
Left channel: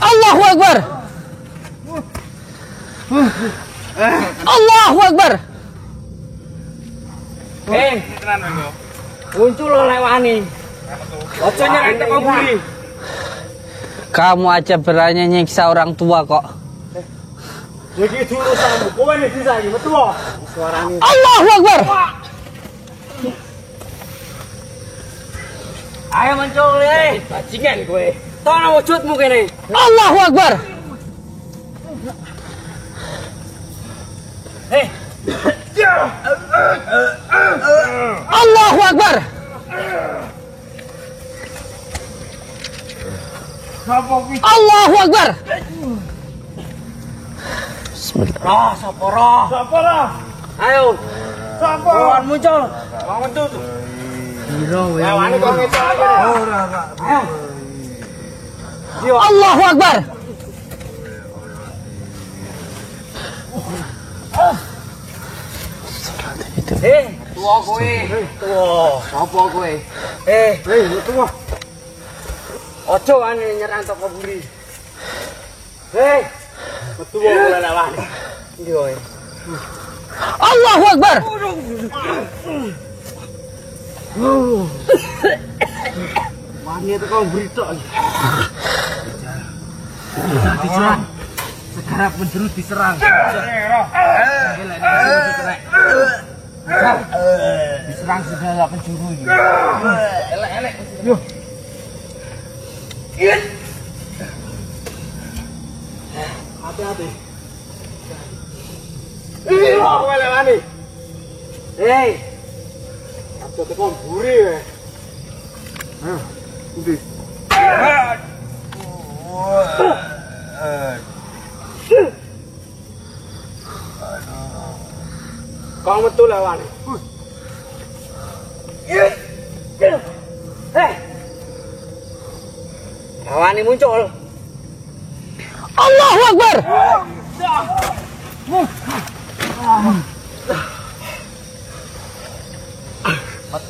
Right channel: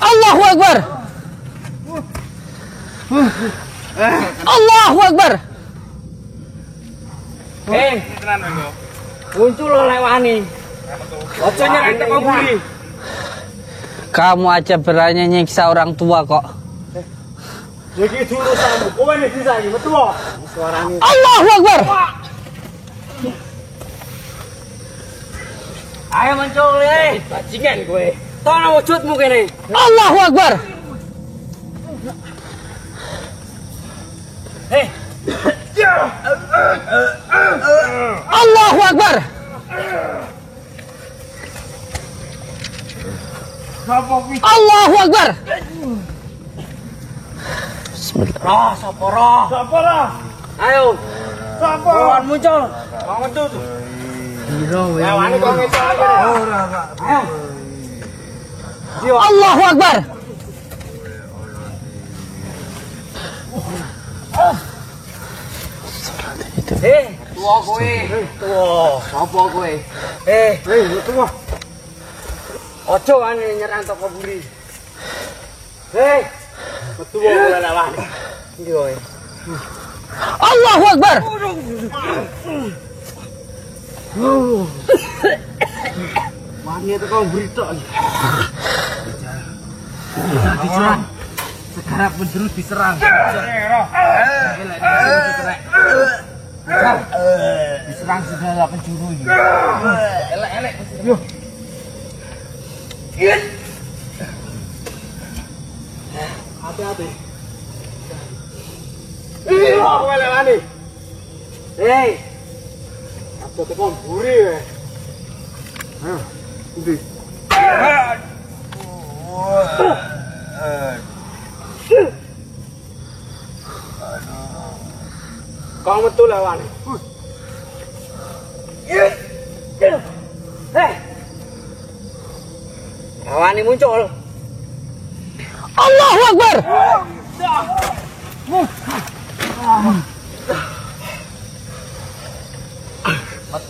Allahu Akbar. Allahu Akbar. Muncul lewan ini. Wacana kita kaburi. Kamu aja berani nyiksa orang tua kok. Allahu Akbar. Ayo muncul. Bajingan kowe. Tang wujudmu kene. Allahu Akbar. Allahu Akbar. Allahu Akbar. Ayo. Sapa? Lewan muncul. Wong metu tuh. Lewan iki kok ngecok aja. Allahu Akbar. Tua kowe. Tua. Apa kowe? Tua. Ojo ane nyerang toko buri. Tua kowe lawan. Iki kowe. Allahu Akbar. Mami itu kau berita. Sekarang menjerut diserang. Diserang segala penjuru ini. Elek. Kowe lewani. Hei. Kamu betul lawan. Lawan ini muncul. Allahu Akbar.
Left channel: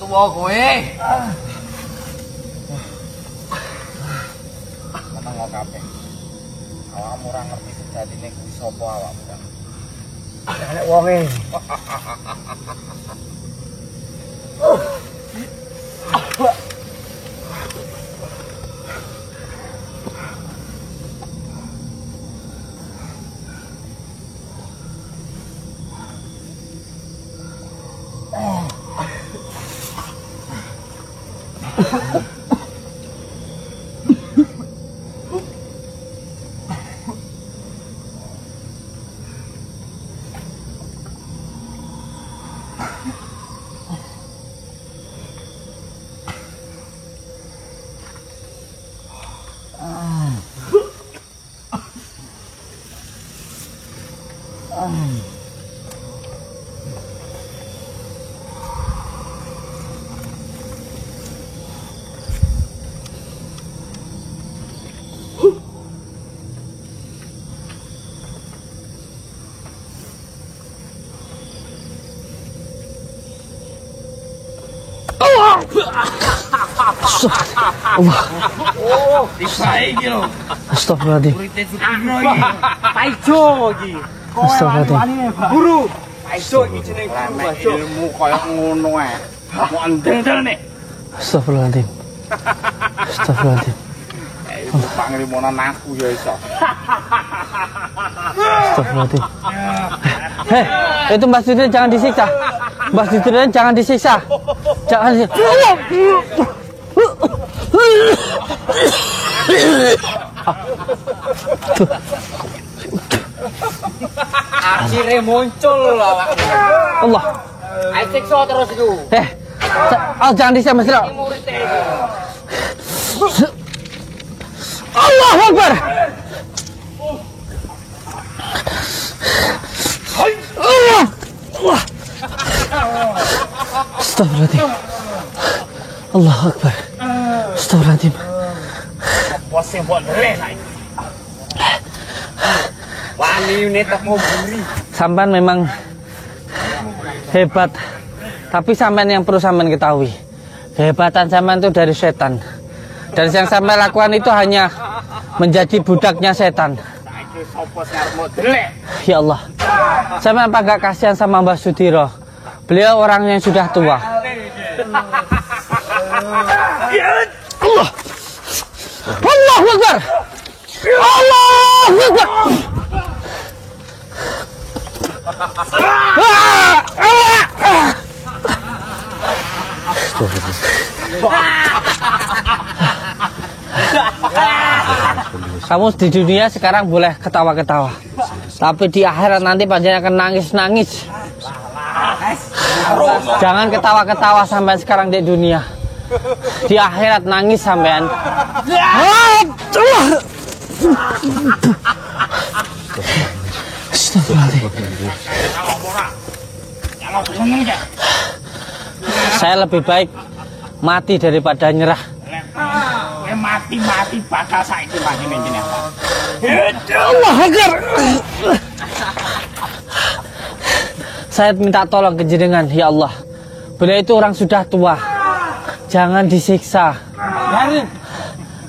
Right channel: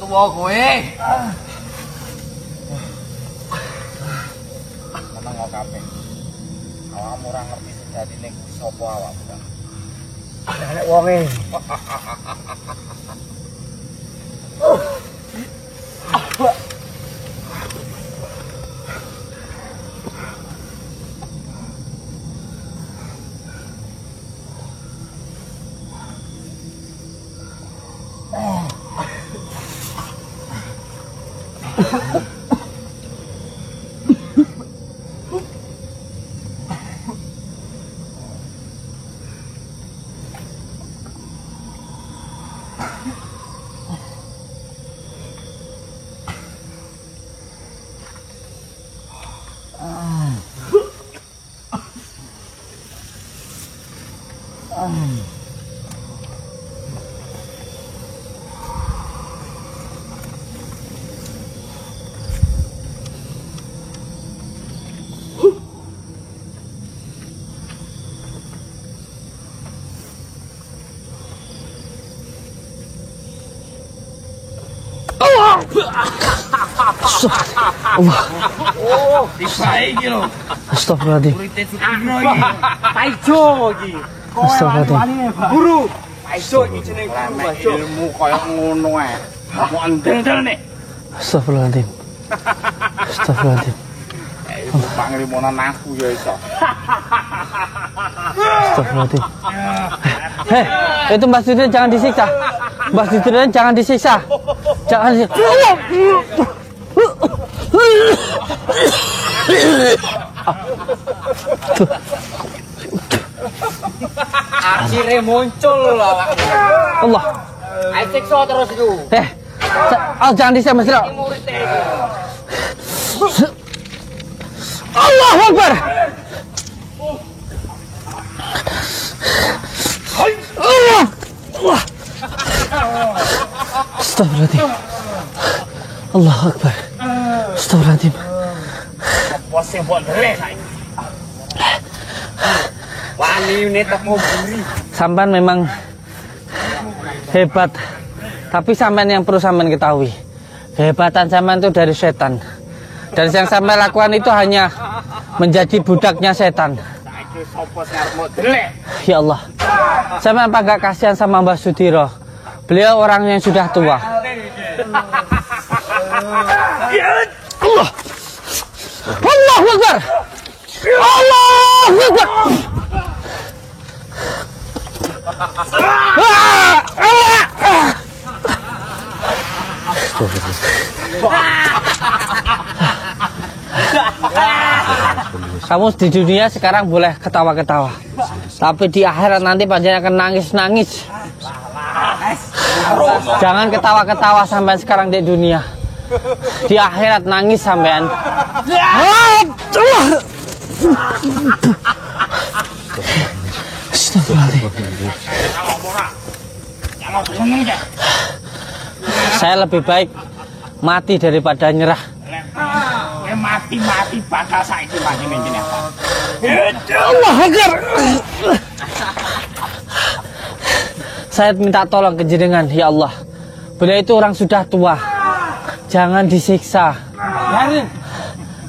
Tua kowe. Meneng kok kabeh. Awakmu ora ngerti sejatine kuwi sapa awakmu. Nek wonge. Astagfirullahaladzim. Paijo iki. Kowe wani guru. Paijo iki jeneng guru. Ilmu koyo ngono ae. Mau endel-endel nek. Astagfirullahaladzim. Astagfirullahaladzim. Panglimonan aku ya iso. Astagfirullahaladzim. Hei, itu Mbak Sudin jangan disiksa. Mbak Sudin jangan disiksa. Jangan disiksa. Akhirnya muncul lah. Allah. Ayo siksa terus itu. Oh, jangan disiksa Mas Bro. Allahu Akbar. Astagfirullahaladzim. Allahu Akbar. Astagfirullahaladzim. Sampan memang hebat. Tapi sampan yang perlu sampan ketahui, kehebatan sampan itu dari setan. Dan yang sampai lakukan itu hanya menjadi budaknya setan. Ya Allah, sama apa gak kasihan sama Mbah Sudiro? Beliau orang yang sudah tua. Allah Akbar. Kamu di dunia sekarang boleh ketawa-ketawa, tapi di akhirat nanti pasti akan nangis-nangis. Jangan ketawa-ketawa sampai sekarang di dunia. Di akhirat nangis sampai. Saya lebih baik mati daripada nyerah. Mati bakal saiki mati menjene. Saya minta tolong ke jenengan, ya Allah. Beliau itu orang sudah tua. Jangan disiksa.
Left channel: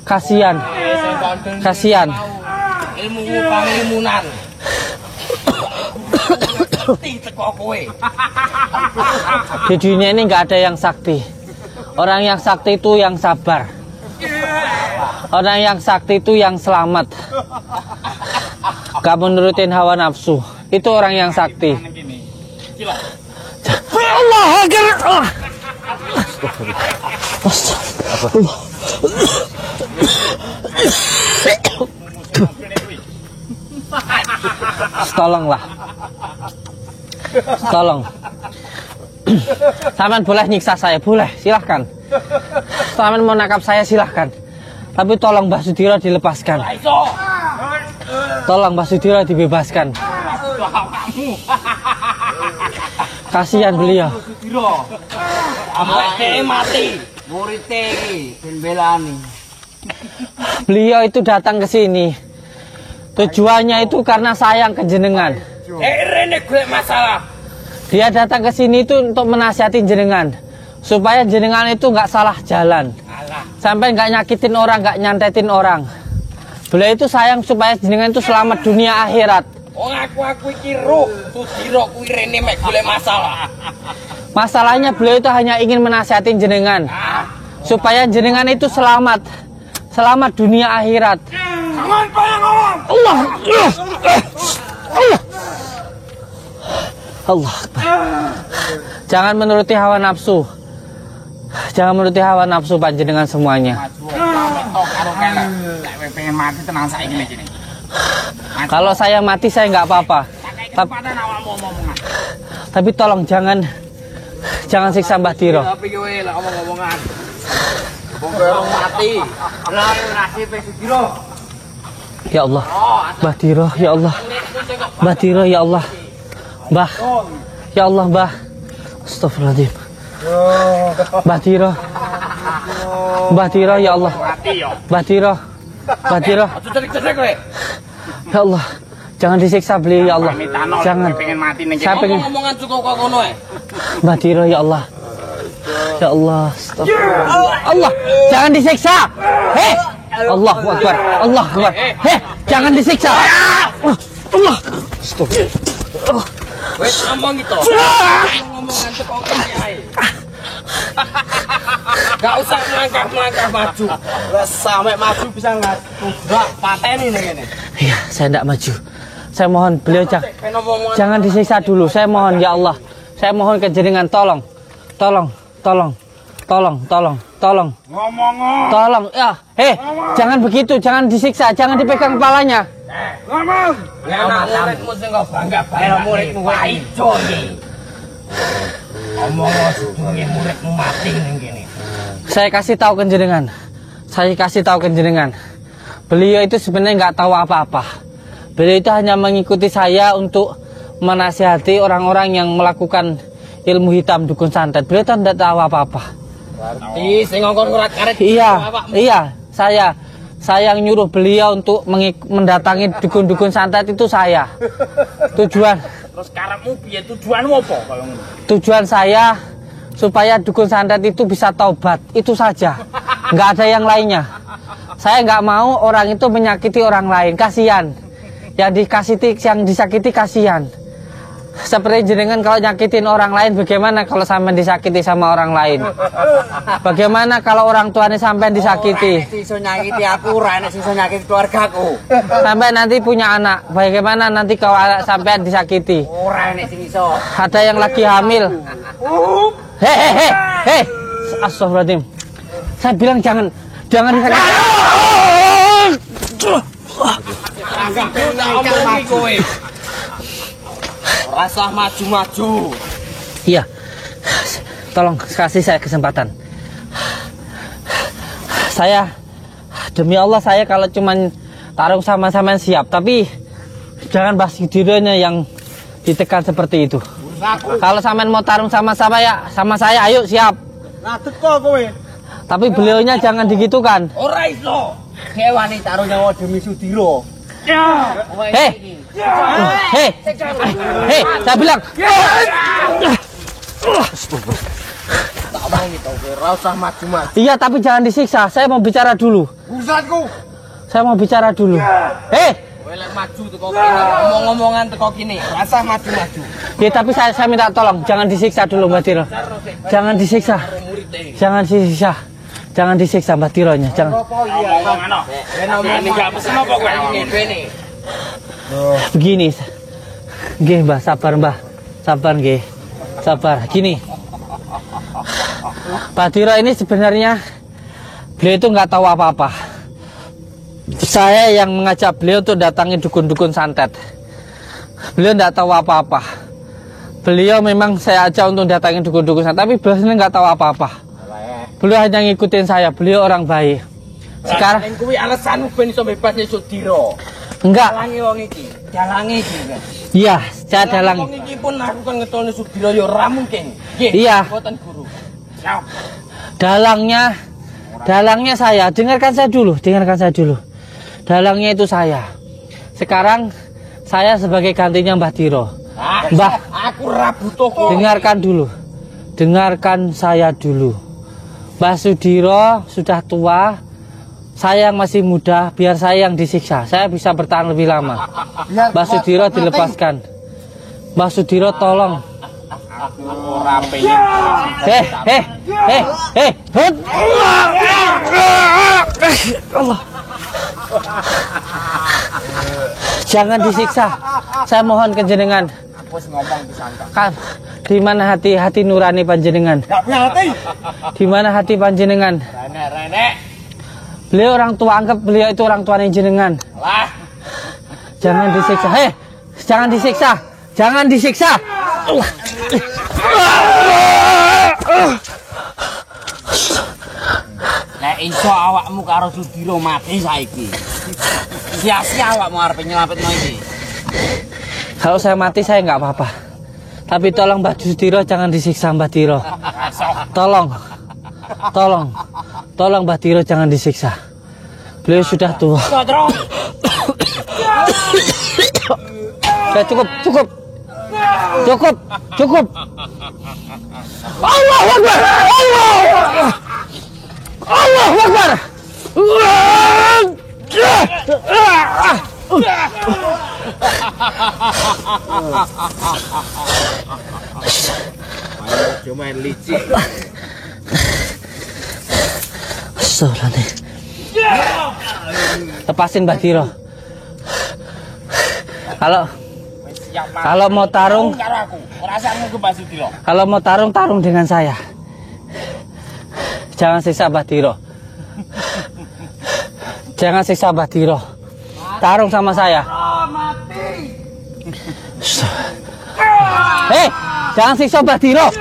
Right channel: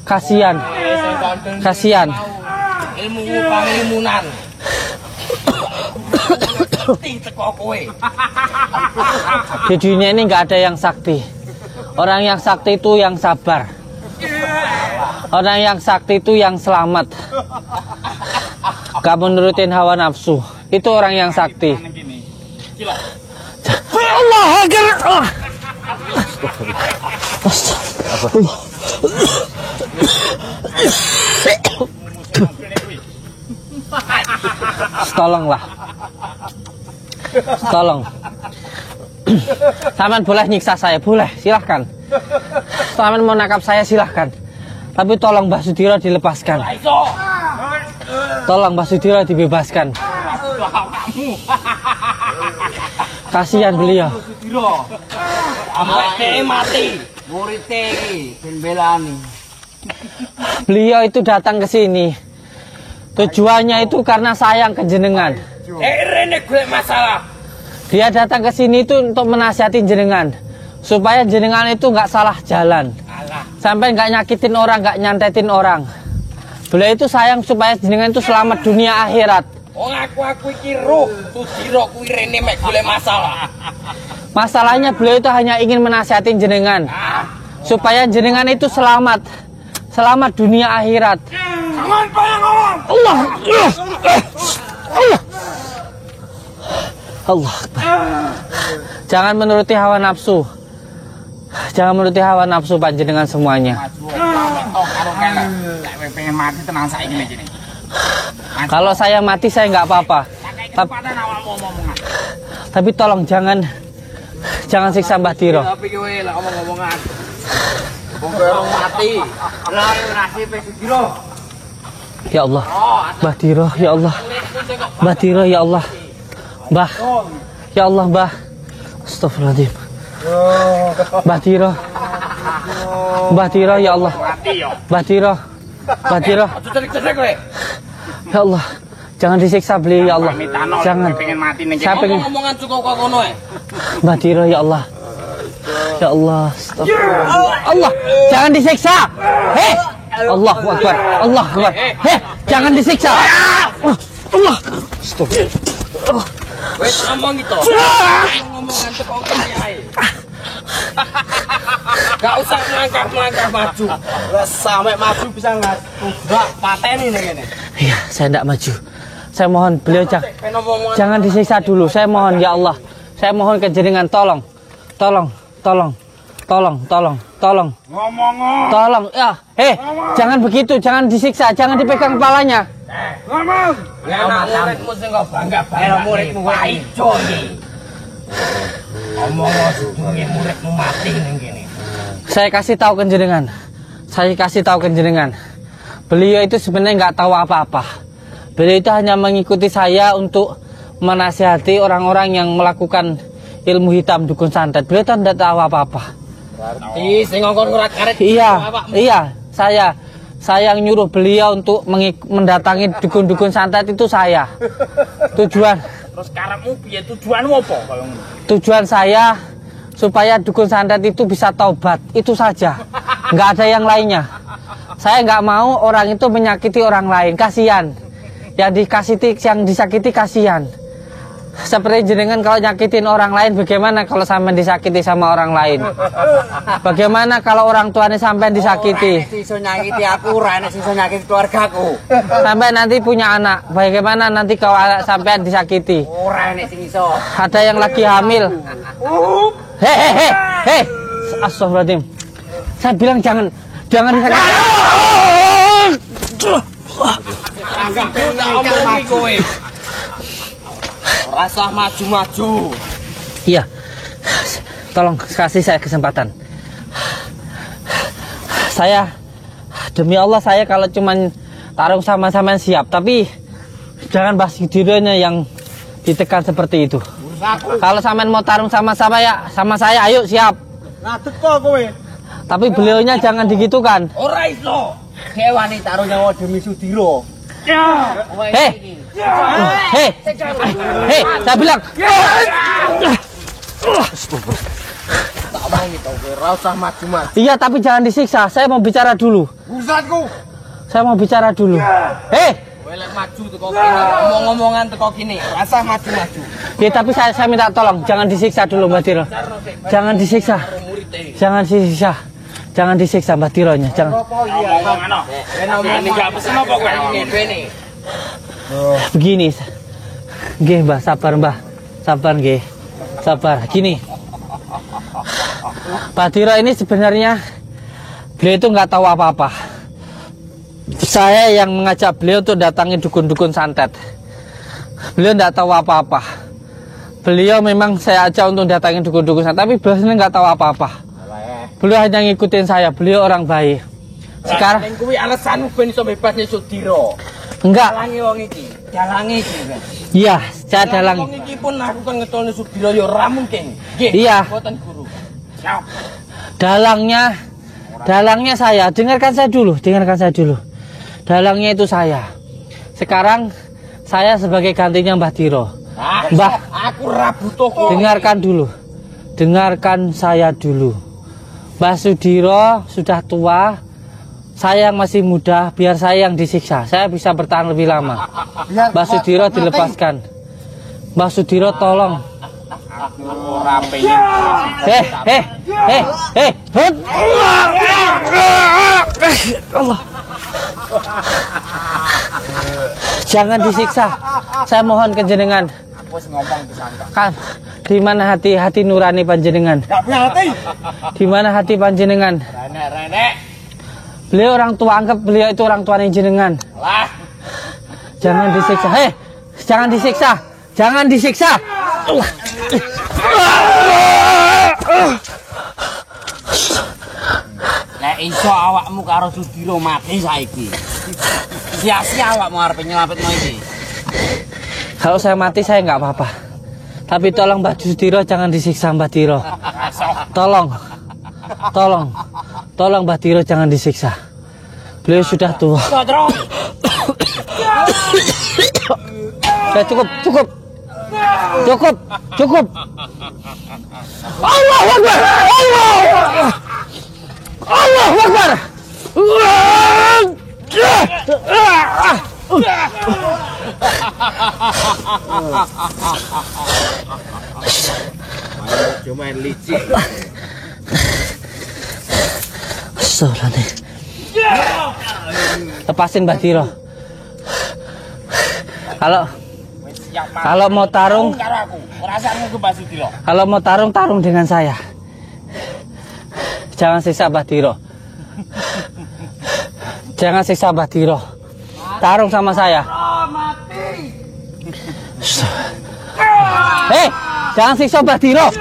Kasihan. Kasihan. Di dunia ini nggak ada yang sakti. Orang yang sakti itu yang sabar. Orang yang sakti itu yang selamat. Gak menurutin hawa nafsu. Itu orang yang sakti. Tolonglah. Tolong. Taman boleh nyiksa saya, boleh, silahkan. Taman mau nangkap saya, silahkan. Tapi tolong Mbah Sudiro dilepaskan. Tolong Mbah Sudiro dibebaskan. Kasihan beliau. Beliau itu datang ke sini. Tujuannya itu karena sayang ke jenengan. Dia datang ke sini itu untuk menasihati jenengan, supaya jenengan itu nggak salah jalan, sampai nggak nyakitin orang, nggak nyantetin orang. Beliau itu sayang supaya jenengan itu selamat dunia akhirat. Masalahnya beliau itu hanya ingin menasihatin jenengan, supaya jenengan itu selamat dunia akhirat. Allah. Allah. Jangan menuruti hawa nafsu. Jangan menuruti hawa nafsu panjenengan semuanya. Kalau saya mati saya nggak apa-apa. Tapi tolong jangan siksa Mbah Diro. Ya Allah, Mbah Diro, ya Allah, Mbah Diro, ya Allah. Mbah, ya Allah Mbah. Astagfirullahaladzim. Mbah Diro, ya Allah. Mbah Diro. Ya Allah, jangan disiksa beliau ya Allah. Jangan. Saya pengen ngomongan cukup kok ngono. Mbah Diro ya Allah. Ya Allah, astagfirullah. Allah, jangan disiksa. Hei, Allah Akbar, Allah Akbar. Hei, jangan disiksa. Allah, astagfirullah. Wes ngomong gitu. Ngomong ngantuk kok ae. Gak usah melangkah maju. Wes sampai maju bisa nggak pateni ning kene. Iya, saya tidak maju. Saya mohon beliau jangan disiksa dulu. Saya mohon ya Allah. Saya mohon kejenengan tolong. Tolong. Ngomong. Tolong. Ya, jangan begitu, jangan disiksa, jangan dipegang kepalanya. Ngomong. Ya muridmu sing kok bangga-bangga muridmu kok ijo iki. Ngomong sedune muridmu mati ngene. Saya kasih tahu kenjenengan. Beliau itu sebenarnya nggak tahu apa-apa. Beliau itu hanya mengikuti saya untuk menasihati orang-orang yang melakukan ilmu hitam dukun santet. Beliau itu tidak tahu apa-apa. Berarti sing ngongkon surat karet. Iya, saya yang nyuruh beliau untuk mendatangi dukun-dukun santet itu saya. Tujuan. Terus karepmu piye tujuanmu apa kaya ngono? Tujuan saya supaya dukun santet itu bisa taubat. Itu saja. Nggak ada yang lainnya. Saya nggak mau orang itu menyakiti orang lain. Kasihan. Yang disakiti kasihan. Seperti jenengan kalau nyakitin orang lain, bagaimana kalau sampai disakiti sama orang lain? Bagaimana kalau orang tuanya sampai disakiti? Iso nyakiti aku, ora enek iso nyakiti keluargaku. Sampai nanti punya anak, bagaimana nanti kalau sampai disakiti? Ora enek sing iso. Ada yang lagi hamil. Hei, astagfirullahaladzim. Saya bilang jangan disakiti. Rasa maju-maju. Iya. Tolong kasih saya kesempatan. Saya demi Allah saya kalau cuman tarung sama-sama siap, tapi jangan bahas dirinya yang ditekan seperti itu. Kalau sampean mau tarung sama-sama ya, sama saya ayo siap. Nah, teko kowe. Tapi beliaunya jangan digitukan. Ora iso. Hewani tarung nyawa demi Sudiro. Hei, saya bilang. Rasa maju-maju. Iya, tapi jangan disiksa. Saya mau bicara dulu. Urusanku. Saya mau bicara dulu. Hei, Welek maju teko kene. Ngomong-ngomongan teko kene. Rasa maju-maju. ya tapi saya minta tolong, jangan disiksa dulu Mbak Tiro. Jangan disiksa. Jangan disiksa Mbak Tironya. Jangan. Begini, Mbah, sabar Mbah, sabar. Gini, Pak Tiro ini sebenarnya beliau itu nggak tahu apa-apa. Saya yang mengajak beliau tuh datangi dukun-dukun santet. Beliau nggak tahu apa-apa. Beliau memang saya ajak untuk datangi dukun-dukun santet, tapi beliau sendiri nggak tahu apa-apa. Beliau hanya ngikutin saya. Beliau orang baik. Sekarang kuwi alasanmu ben iso bebas Sudiro. enggak. Dalangi wong iki. Dalangi iki. Iya, saya dalang. Wong iki pun aku kan ngetolne Sudiro ya ora mungkin. Nggih. Iya. Mboten guru. Siap. Dalangnya saya. Dengarkan saya dulu. Dalangnya itu saya. Sekarang saya sebagai gantinya Mbah Tiro. Mbah, aku ora butuh kok. Dengarkan saya dulu. Mbah Sudiro sudah tua, saya masih muda, biar saya yang disiksa. Saya bisa bertahan lebih lama. Mbah Sudiro dilepaskan. Mbah Sudiro tolong. Aku ora pengen. Allah. Jangan disiksa. Saya mohon kejenengan. Wis ngomong di santai. Di mana hati nurani panjenengan? Enggak punya hati. Di mana hati panjenengan? Renek. Beliau orang tua, anggap beliau itu orang tua jenengan. Lah. Jangan disiksa. Jangan disiksa. Nek iso awakmu karo Sudiro mati saiki. Sia-sia awakmu arep nyelapet mati. Kalau saya mati saya nggak apa-apa. Tapi tolong Mbak Sudiro jangan disiksa Mbak Tiro. Tolong Mbak Tiro jangan disiksa. Beliau sudah tua. Cukup. Cuma licik. Lepasin Mbak Tiro. Kalau mau tarung, kalau mau tarung dengan saya. Jangan siksa Mbak Tiro. Jangan siksa Mbak Tiro. Tarung sama saya. Hei, jangan siksa Mbak Tiro.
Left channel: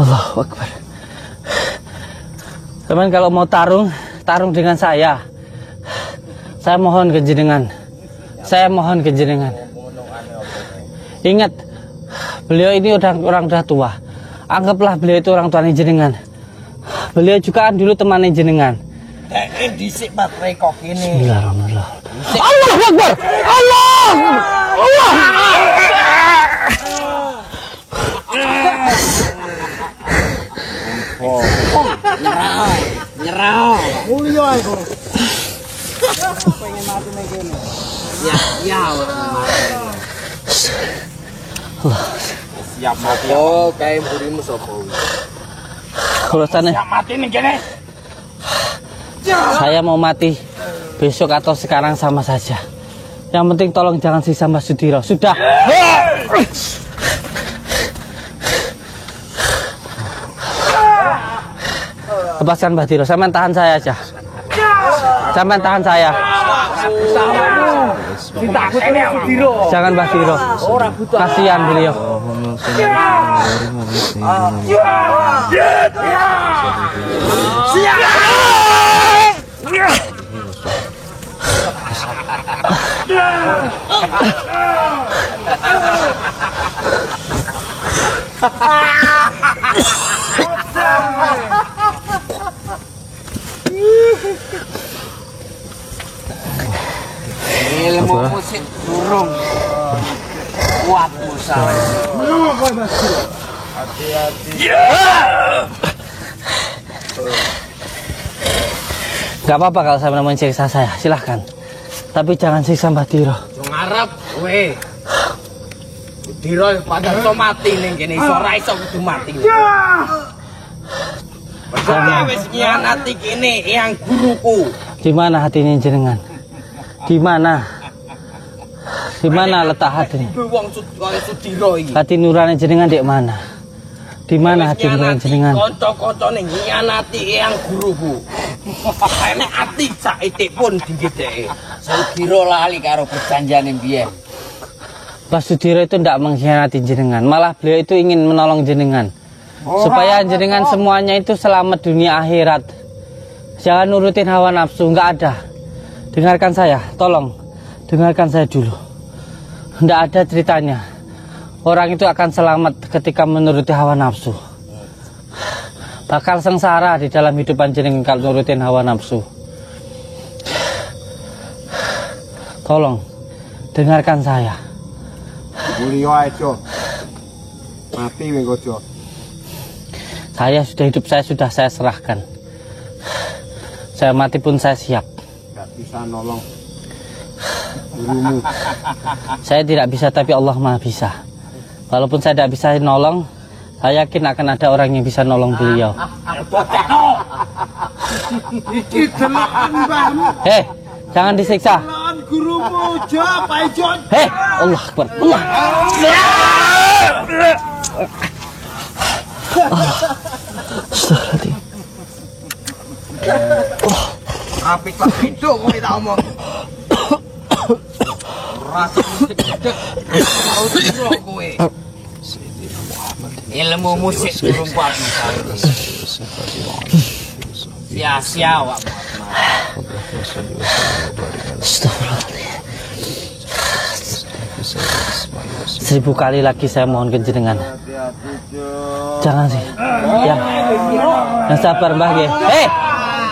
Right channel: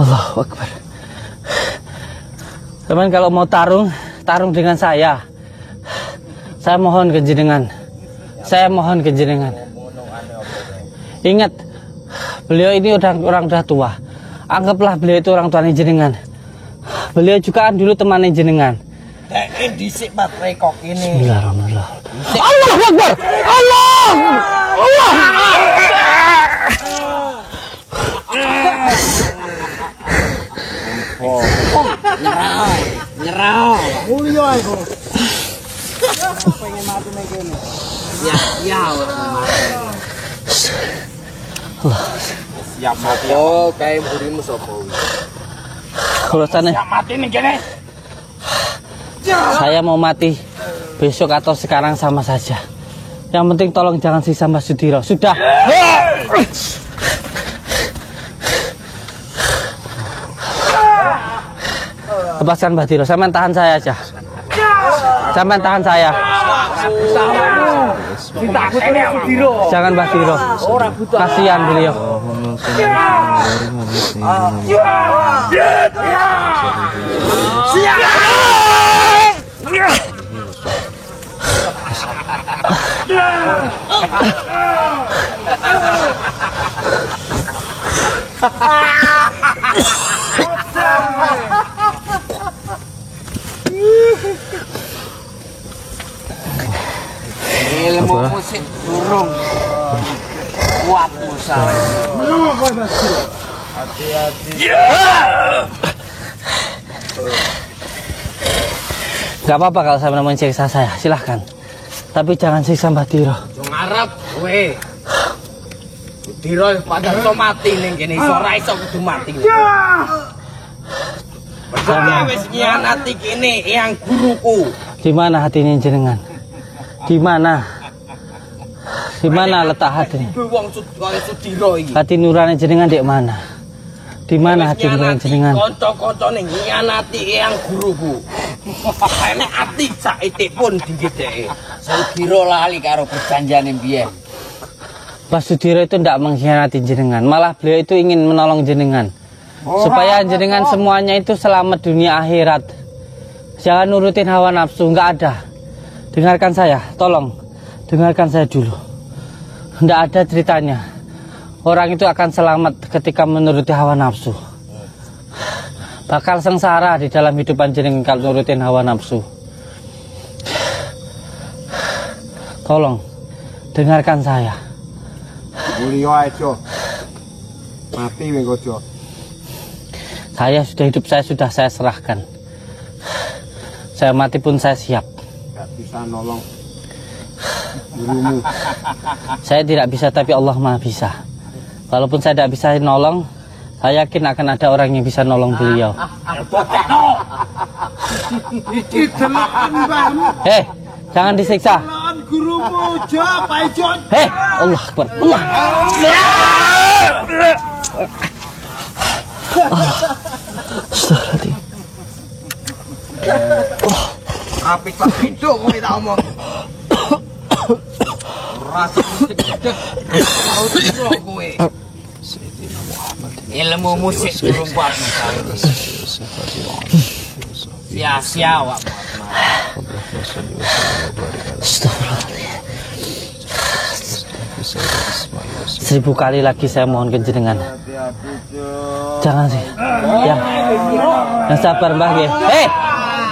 Allah Akbar. Teman, kalau mau tarung dengan saya. Saya mohon ke jenengan. Ingat, beliau ini orang dah tua. Anggaplah beliau itu orang tuanya jenengan. Beliau juga dulu temannya jenengan. Disik Mas kok ini. Allah Akbar. Allah. Nyerah. Mulya iku. Pengen mati nek kene. Ya. Siap mati. Oh, kae mburimu sapa wis? Urusannya Siap mati nek kene. saya mau mati besok atau sekarang sama saja. Yang penting tolong jangan siksa Mbak Sudiro. Sudah. Lepaskan Mbak Tiro. Sampean tahan saya aja. Sampean tahan saya. Jangan Mbak Tiro. Kasihan beliau. Kuat usaha. Hati-hati. Gak apa-apa kalau saya menemukan siksa saya, silahkan. Tapi jangan siksa Mbak Tiro. Ngarep kowe. Tiro padahal lo mati ning kene iso ora iso kudu mati. Wis nyianati kene yang guruku. Di mana hatinya jenengan? Di mana? Di mana letak hatinya? Wong Sudiro iki. Hati nurani jenengan di mana? Di mana hati nurani jenengan? Kanca-kancane nyianati yang guruku. Nek ati saiki pun digedheki. Sudiro lali karo perjanjiane mbiyen. Pak Sudiro itu tidak mengkhianati jenengan, malah beliau itu ingin menolong jenengan. Supaya jenengan semuanya itu selamat dunia akhirat. Jangan nurutin hawa nafsu, nggak ada. Dengarkan saya, tolong. Dengarkan saya dulu. Nggak ada ceritanya. Orang itu akan selamat ketika menuruti hawa nafsu. Bakal sengsara di dalam hidupan jenengan kalau nurutin hawa nafsu. Tolong, dengarkan saya. Buriyo aja. Mati wek ojo. Saya sudah hidup, saya serahkan. Saya mati pun saya siap. Bisa nolong. Saya tidak bisa, tapi Allah Maha bisa. Walaupun saya tidak bisa nolong, saya yakin akan ada orang yang bisa nolong beliau. Hei, jangan disiksa. Gurumu jawab aja. Hei, Allah Akbar. Allah. Apik Pak Pindo kowe tak omong. Rasa musik cedek. Kau kowe. Ilmu musik berubah. Siap. 1000 kali lagi saya mohon ke jenengan. Jangan sih. Yang sabar Mbah nggih.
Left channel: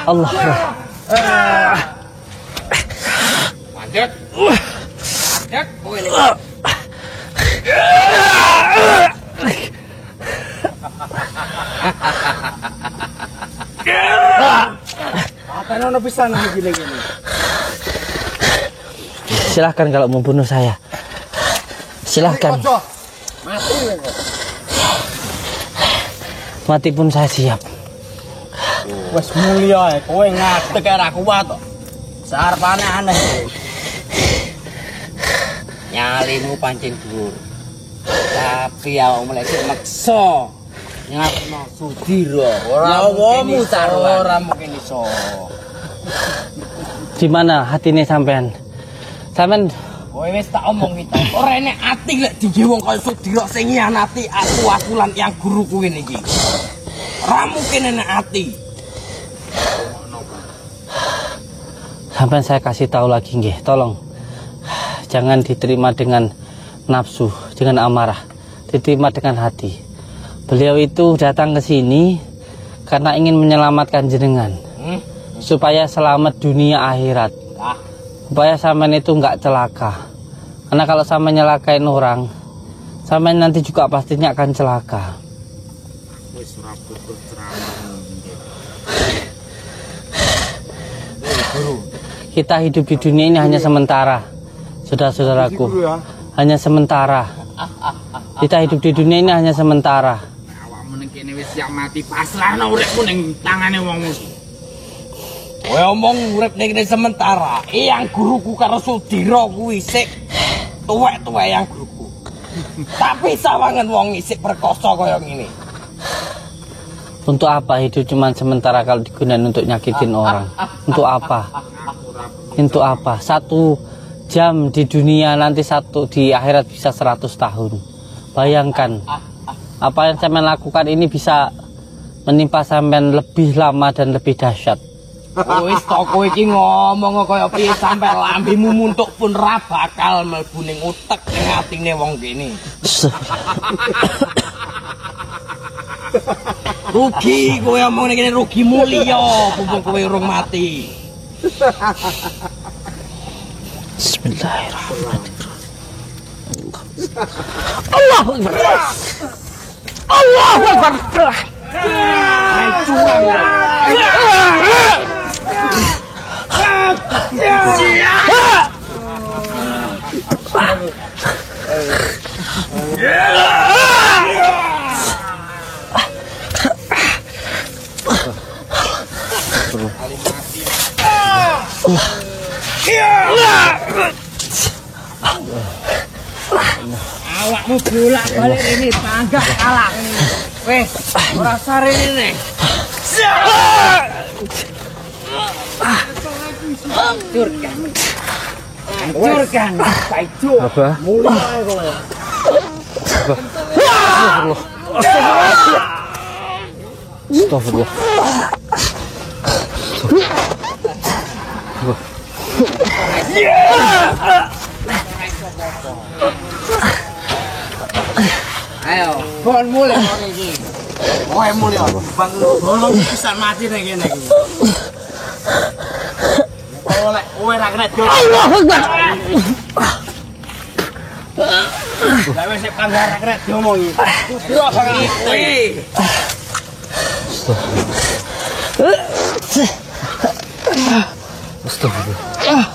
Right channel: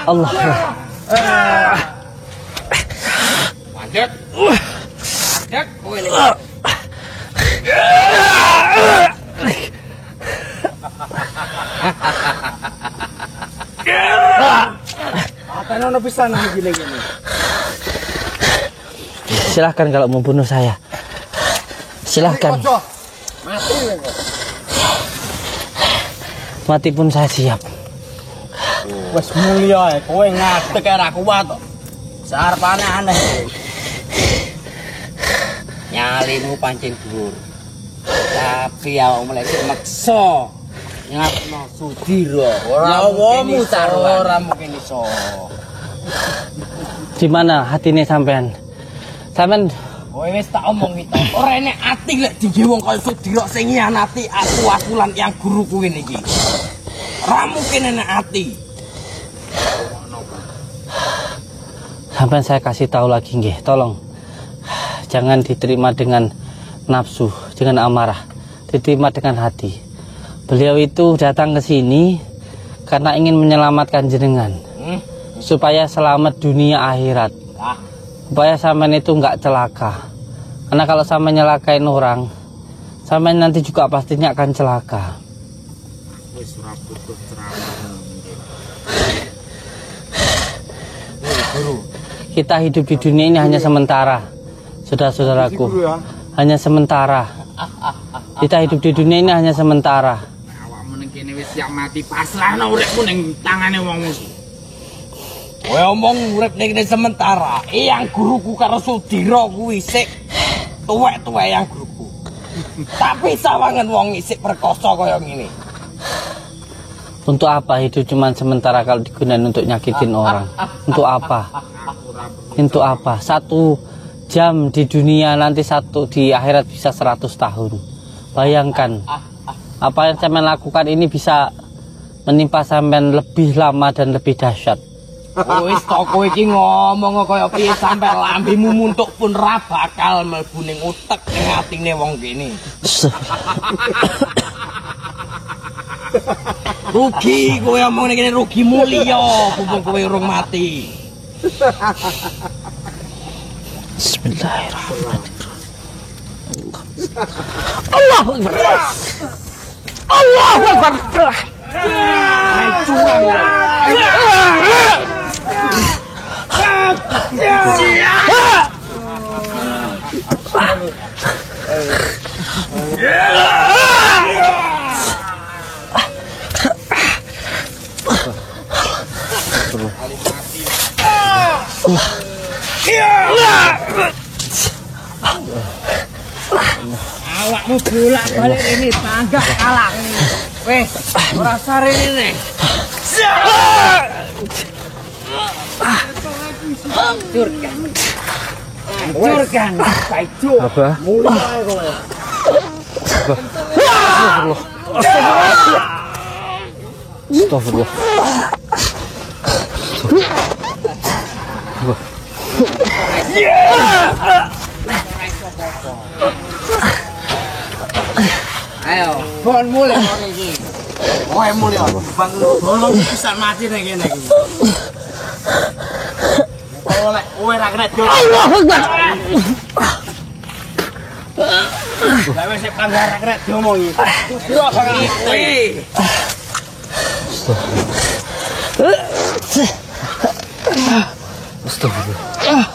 Allah. Lanjut. Ya, kowe ini. Apa bisa gini. Silahkan kalau mau bunuh saya. Silahkan. Mati pun saya siap. Wes mulia kowe ngadeg karo aku wae to. Sarpane aneh. Harimu pancen piye? Dia mulai maksa. Ya Sudiro. Ya ini ora mungkin iso. Gimana hatine sampean? Sampean kowe wis tak omong iki. Ora enek ati lek digawe wong kaya Sudiro sing nyianati aku lan yang guruku ngene iki. Ora mungkin enek ati. Sampai saya kasih tahu lagi nggih, tolong jangan diterima dengan nafsu, dengan amarah, diterima dengan hati. Beliau itu datang ke sini karena ingin menyelamatkan jenengan, supaya selamat dunia akhirat, supaya sampean itu nggak celaka. Karena kalau sampean nyelakain orang, sampean nanti juga pastinya akan celaka. Kita hidup di dunia ini hanya sementara, saudara-saudaraku, hanya sementara. Kita hidup di dunia ini hanya sementara. Awakmu ning kene wis siap mati, pasrahno uripmu ning tangane wong musuh. Kowe omong urip ning kene sementara. Yang guruku karo Sudiro kuwi sik tuwek-tuwek yang guruku. Tapi sawangan wong isik perkoso kaya ngene. Untuk apa hidup cuma sementara kalau digunakan untuk nyakitin orang? Untuk apa? Untuk apa? 1 jam di dunia nanti di akhirat bisa 100 tahun. Bayangkan apa yang saya lakukan ini bisa menimpa sampean lebih lama dan lebih dahsyat. Wis tok kowe iki ngomong kaya piye sampe lambemu muntuk pun ra bakal mlebu ning utek ning atine wong kene. Rugi kowe omong ngene rugimu iya. Allah Akbar. Awakmu bolak-balik ini panggah kalah. Wes, ora sarene. Hancurkan. Apa? Astagfirullah. Ayo, bon mulu iki. Kowe mulu. Bon bisa mati ning ngene iki. Kowe ra kena jol. Allahu Akbar. Lah wis panggara kena diomongi. Yo iki. Astagfirullah.